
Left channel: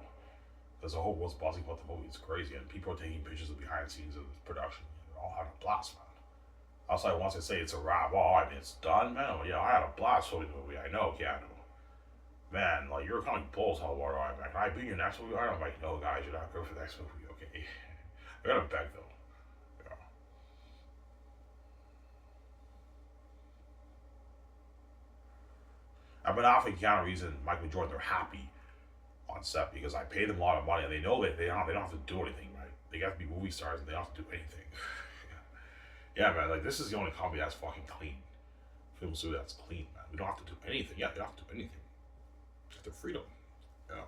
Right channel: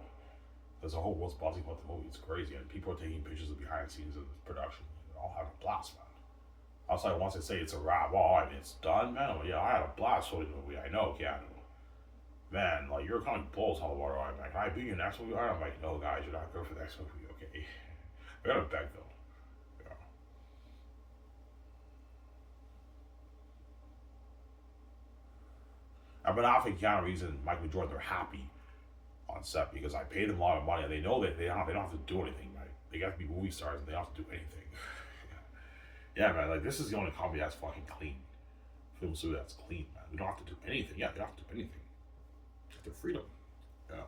There's a whole world's buzzing about the movie. It's crazy, and people are taking pictures of behind the scenes of the production. They're all having a blast, man. Outside, once they say it's a wrap, well, I mean, it's done, man. Well, yeah, I had a blast filming the movie. I know, Keanu. Man, like, you're kind of bulls out of water. I'm like, can I be in your next movie? I'm like, no, guys, you're not good for the next movie, okay? I gotta beg, though. Yeah. Ben Affleck and Keanu Reeves and Michael Jordan, they're happy on set because I paid them a lot of money, and they know that they don't have to do anything. Right? They got to be movie stars, and they don't have to do anything. Yeah, man. Like, this is the only comedy that's fucking clean. Film studio that's clean, man. We don't have to do anything. Yeah, they don't have to do anything. Just their freedom. Yeah.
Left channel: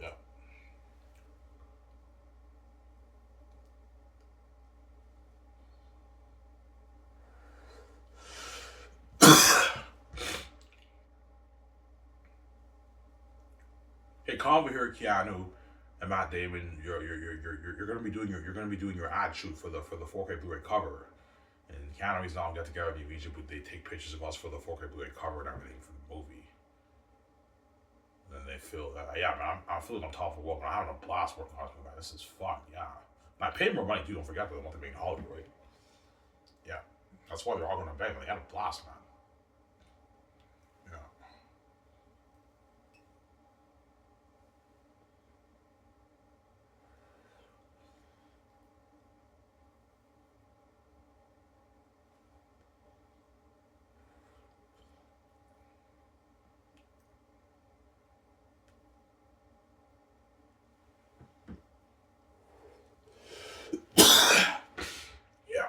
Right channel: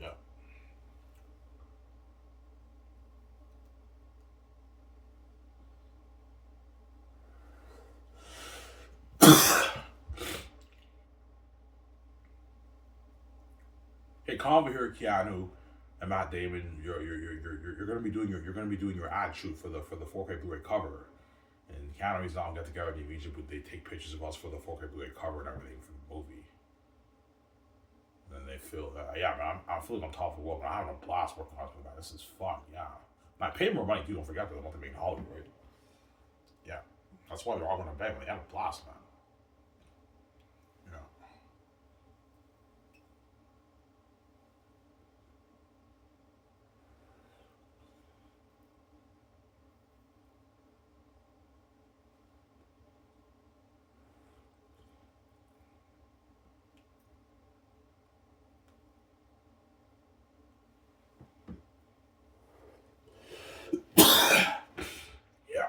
Yeah. Hey, come over here, Keanu and Matt Damon. You're gonna be doing your ad shoot for the 4K Blu-ray cover, and Keanu Reeves and I get together in Egypt, but they take pictures of us for the 4K Blu-ray cover and everything for the movie. And then they feel that, yeah, man, I'm feeling on top of the world, but I'm having a blast working on it, man. This is fun, yeah. And I pay more money too. Don't forget that I want to make in Hollywood, right? Yeah, that's why they're all gonna bang. They had a blast, man. Yeah. Yeah.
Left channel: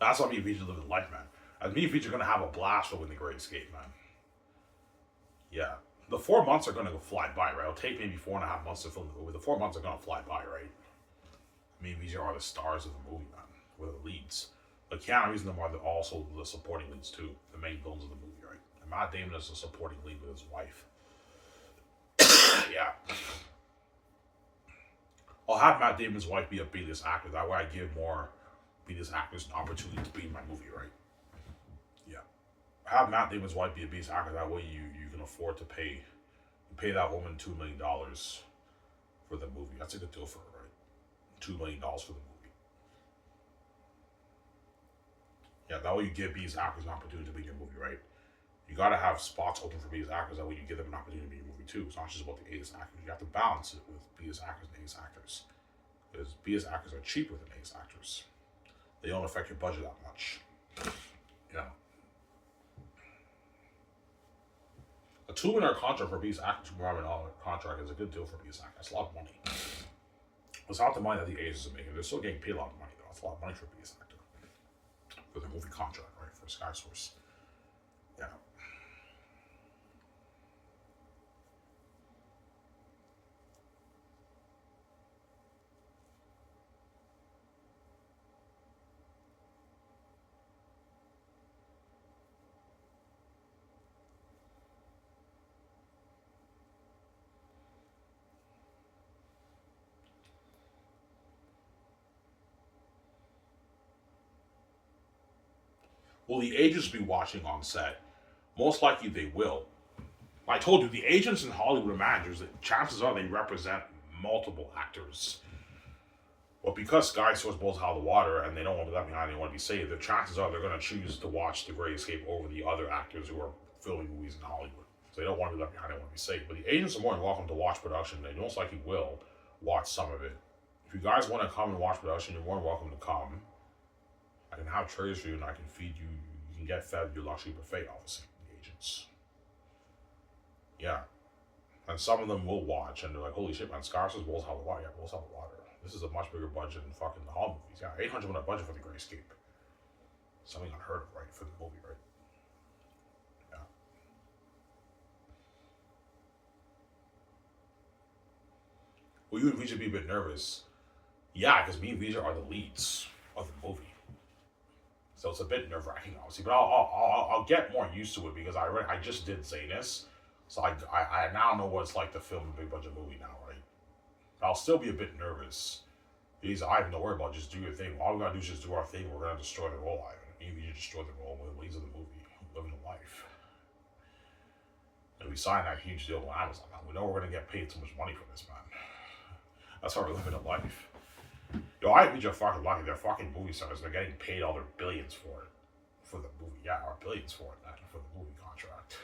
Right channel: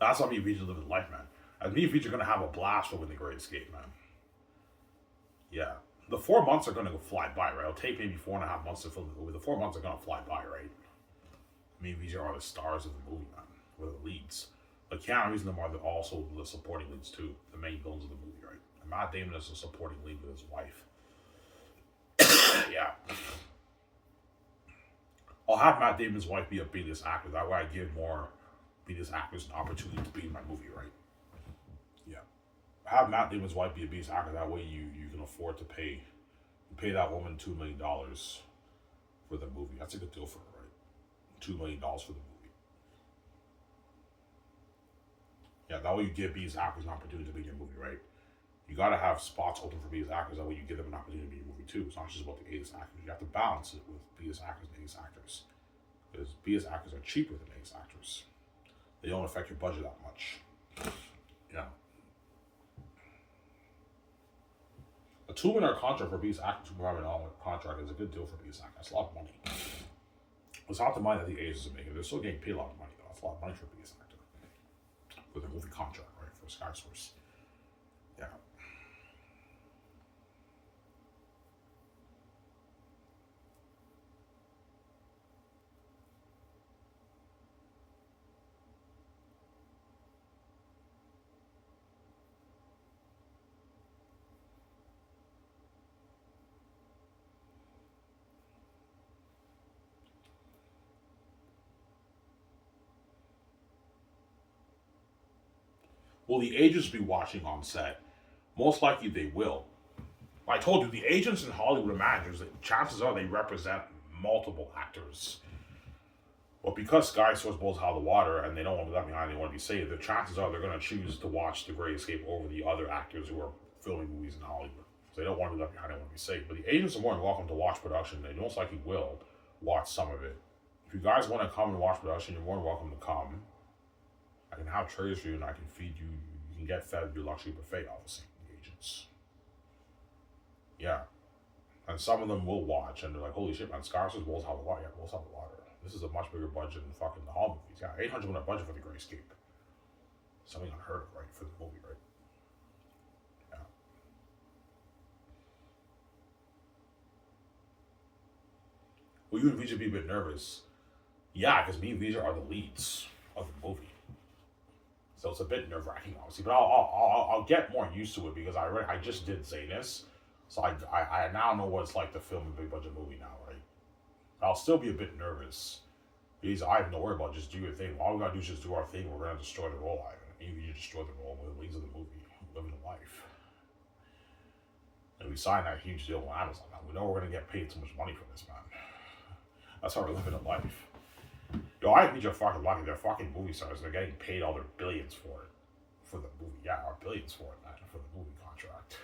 That's what me and Vijay live in life, man. As me and Vijay are gonna have a blast over the Great Escape, man. Yeah. The 4 months are gonna go fly by, right? It'll take maybe 4.5 months to film the movie. The 4 months are gonna fly by, right? Me and Vijay are the stars of the movie, man. We're the leads. But Keanu Reeves and them are also the supporting leads too, the main villains of the movie, right? And Matt Damon is the supporting lead with his wife. Yeah. I'll have Matt Damon's wife be a B-list actor. That way I give more B-list actors an opportunity to be in my movie, right? Yeah. Have Matt Damon's wife be a B-list actor. That way you can afford to pay that woman $2 million for the movie. That's a good deal for her, right? $2 million for the movie. Yeah, that way you give B-list actors an opportunity to be in your movie, right? You gotta have spots open for B-list actors. That way you give them an opportunity to be in your movie too. It's not just about the A-list actors. You have to balance it with B-list actors and A-list actors. Because B-list actors are cheaper than A-list actors. They don't affect your budget that much. Yeah. A $2 million contract for B-list actor, $2 million contract is a good deal for B-list actor. That's a lot of money. It's not the money that the A's are making. They're still getting paid a lot of money though. That's a lot of money for B-list actor. For the movie contract, right? For Sky Source. Yeah. Will the agents be watching on set? Most likely they will. I told you, the agents in Hollywood and managers, chances are they represent multiple actors. But because Sky Source blows out of the water and they don't want to be left behind, they want to be saved, the chances are they're going to choose to watch The Great Escape over the other actors who are filming movies in Hollywood. So they don't want to be left behind, they want to be saved. But the agents are more than welcome to watch production. They most likely will watch some of it. If you guys want to come and watch production, you're more than welcome to come. I can have trays for you and I can feed you. You can get fed your luxury buffet, obviously, the agents. Yeah. And some of them will watch and they're like, holy shit, man, Sky Source blows out the water. Yeah, blows out the water. This is a much bigger budget than fucking the Hall movies. Yeah, $800 million budget for The Great Escape. Something unheard of, right? For the movie, right? Yeah. Will you and Vijay be a bit nervous? Yeah, because me and Vijay are the leads of the movie. So it's a bit nerve-wracking, obviously. But I'll get more used to it because I just did Zanus. So I now know what it's like to film a big-budget movie now, right? I'll still be a bit nervous. Because I have no worry about just do your thing. All we gotta do is just do our thing. We're gonna destroy the role, Ivan. Maybe you destroy the role with the wings of the movie, living a life. And we signed that huge deal with Amazon. Man. We know we're gonna get paid so much money for this, man. That's how we're living a life. Yo, I think you're fucking lucky. They're fucking movie stars. They're getting paid all their billions for it. For the movie. Yeah, our billions for it, man. For the movie contract.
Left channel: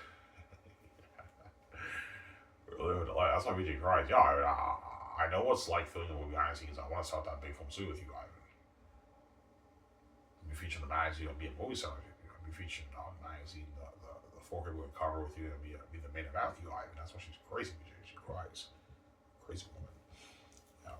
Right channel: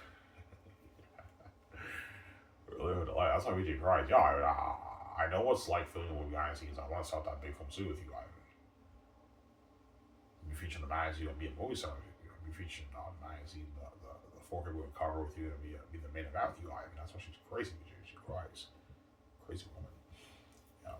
We're living a life. That's why VJ cries. Yeah, I know what's like filming a movie behind the scenes. I want to start that big film soon with you, Ivan. Be featured in the magazine. You'll be a movie star. You'll be featured on the magazine. The fork will cover with you and be the main event with you, Ivan. That's why she's crazy. She cries. Crazy woman. Yeah.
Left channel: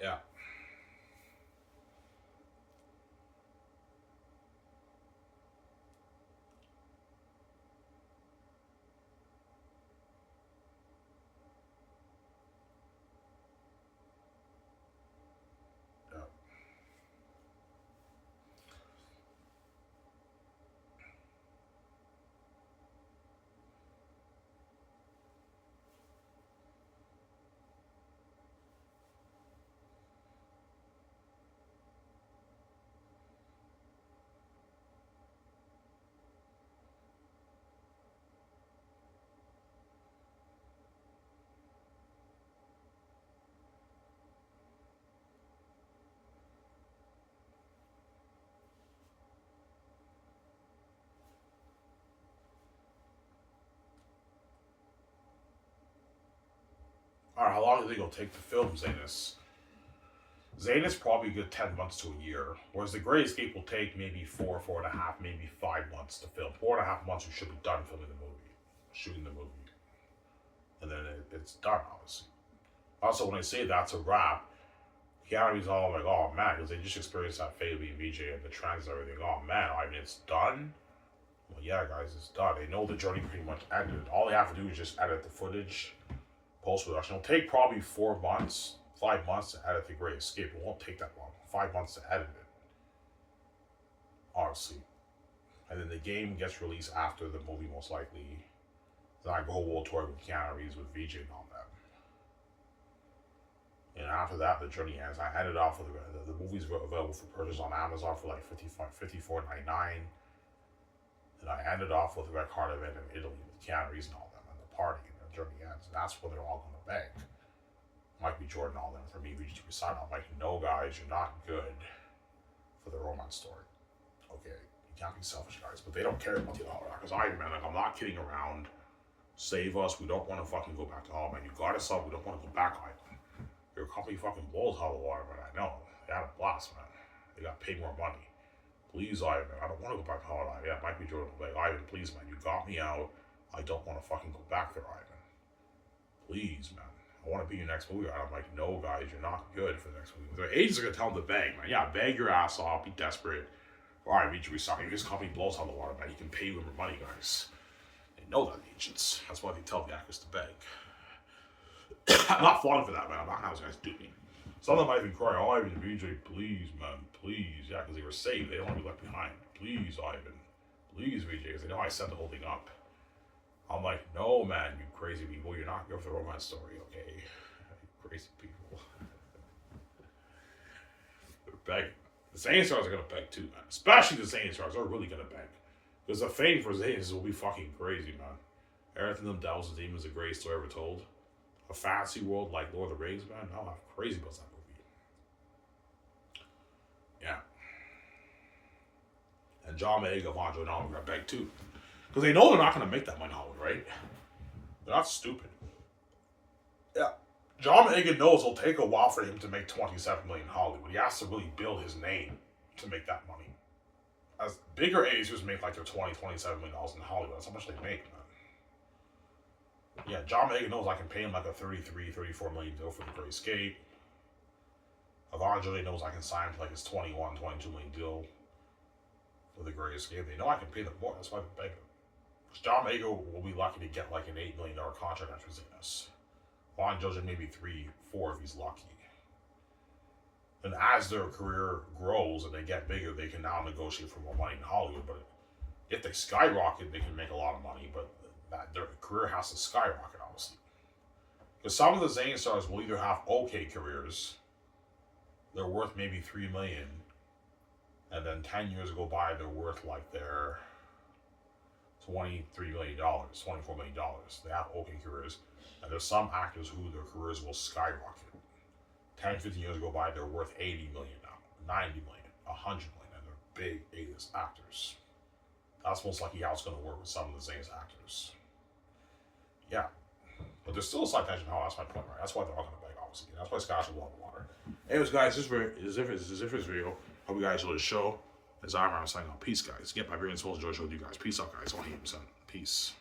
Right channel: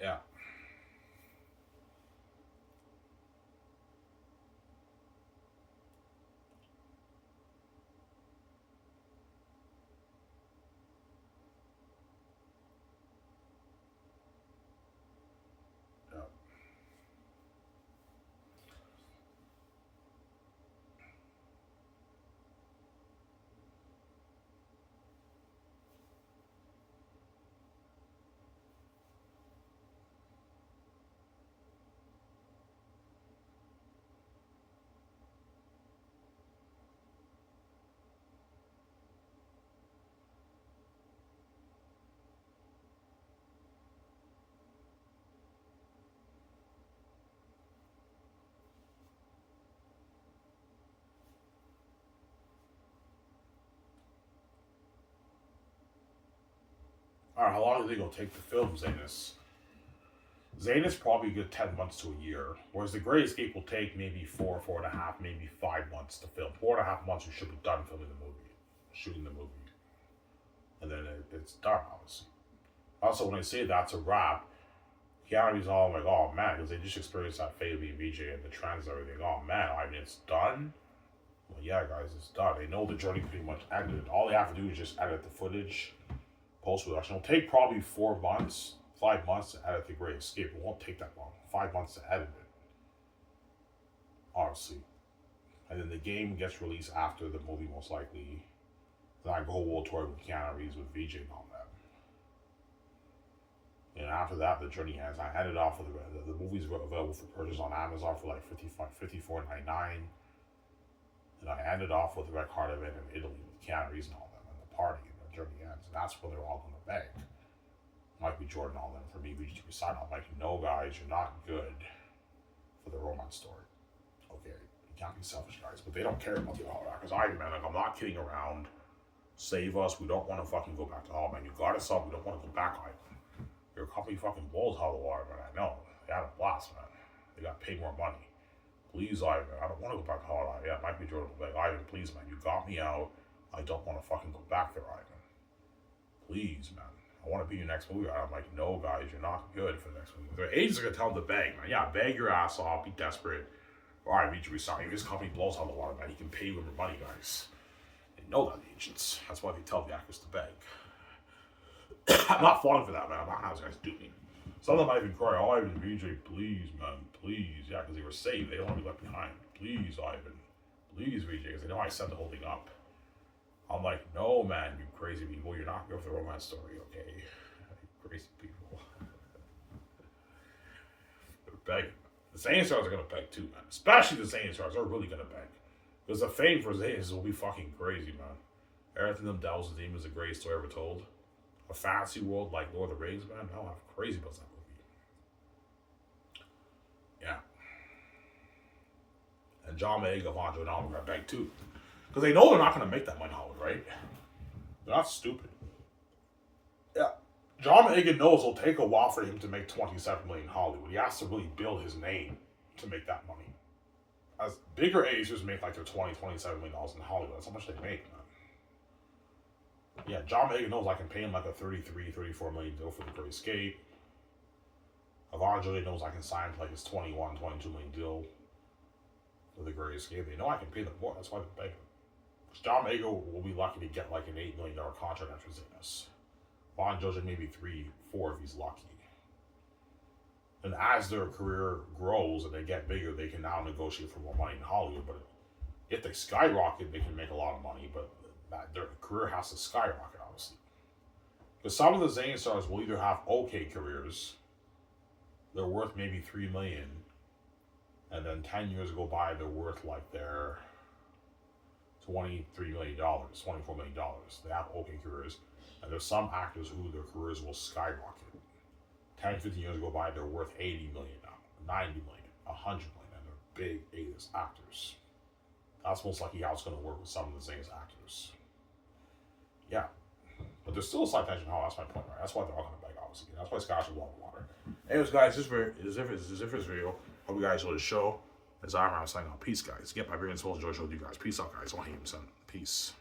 Yeah. Yeah. All right, how long do you think it'll take to film Zanus? Zanus probably a good 10 months to a year, whereas The Great Escape will take maybe 4.5, maybe 5 months to film. 4.5 months, we should be done filming the movie, shooting the movie, and then it's done, obviously. Also, when I say that's a wrap, Keanu's all like, oh man, because they just experienced that fate being VJ and the trends and everything. Oh man, I mean, it's done? Well, yeah, guys, it's done. They know the journey pretty much ended. All they have to do is just edit the footage, post-production. It'll take probably 4 months, 5 months to edit The Great Escape. It won't take that long. 5 months to edit it, honestly. And then the game gets released after the movie, most likely. Then I go world tour with Keanu Reeves, with VJ and all that. And after that, the journey ends. I ended off with the movies were available for purchase on Amazon for like $54.99. And I ended off with Red Card event in Italy with Keanu Reeves and all them, and the party, and the journey ends. And that's when they're all going to beg. Mike B. Jordan, all them, for me, VG to sign. I'm like, no, guys, you're not good for the romance story. Okay, you can't be selfish, guys, but they don't care about the Hollywood. Because man, like, I'm not kidding around. Save us. We don't want to fucking go back to Hollywood, man. You got us up. We don't want to go back, Ivan. Your company fucking blows out of the water, man. I know. They had a blast, man. They got paid more money. Please, Ivan. I don't want to go back to Hollywood. Yeah, Mike B. Jordan was like, Ivan, please, man. You got me out. I don't want to fucking go back there, Ivan. Please, man. I want to be your next movie. I'm like, no, guys, you're not good for the next movie. The agents are going to tell him to beg, man. Yeah, beg your ass off. Be desperate. All right, VG resign. His company blows out of the water, man. He can pay you more money, guys. They know that, the agents. That's why they tell the actors to beg. I'm not falling for that, man. I'm not how those guys do me. Some of them might even cry, oh, Ivan, VJ, please, man, please. Yeah, because they were saved. They don't want to be left behind. Please, Ivan. Please, VJ, because they know I set the whole thing up. I'm like, no, man, you crazy people. You're not good for the romance story, okay? You crazy people. They're begging. The Zane Stars are going to beg too, man. Especially the Zane Stars. They're really going to beg. Because the fame for Zane will be fucking crazy, man. Everything them Devils and Demons is the greatest story ever told. A fantasy world like Lord of the Rings, man. I'm crazy about that movie. Yeah. And John Mayega, Von Joe, and all are going to beg too. Because they know they're not going to make that money in Hollywood, right? They're not stupid. Yeah. John Mayega knows it'll take a while for him to make $27 million in Hollywood. He has to really build his name to make that money. As bigger actors make like their $27 million in Hollywood. That's how much they make, man. Yeah, John Mayega knows I can pay him like a $34 million deal for The Great Escape. Evangeli knows I can sign him for like his $22 million deal for The Great Escape. They know I can pay them more. That's why they're begging. John Mayega will be lucky to get like an $8 million contract after this. Von Jojo maybe 3, 4 if he's lucky. And as their career grows and they get bigger, they can now negotiate for more money in Hollywood. But if they skyrocket, they can make a lot of money. But their career has to skyrocket, obviously. Because some of the Zane Stars will either have okay careers, they're worth maybe $3 million, and then 10 years go by, they're worth like their $23 million, $24 million. They have okay careers. And there's some actors who their careers will skyrocket. 10, 15 years go by, they're worth $80 million now, $90 million, $100 million, and they're big A-list actors. That's most likely how it's going to work with some of the Zane's actors. Yeah. But there's still a slight tension. That's my point, right? That's why they're all going to beg, obviously. That's why Scotch will love the water. Anyways, guys, this is this video. Hope you guys enjoyed the show. As I'm signing off. Peace, guys. Get my very soul enjoy the show with you guys. Peace out, guys. 100%. Peace.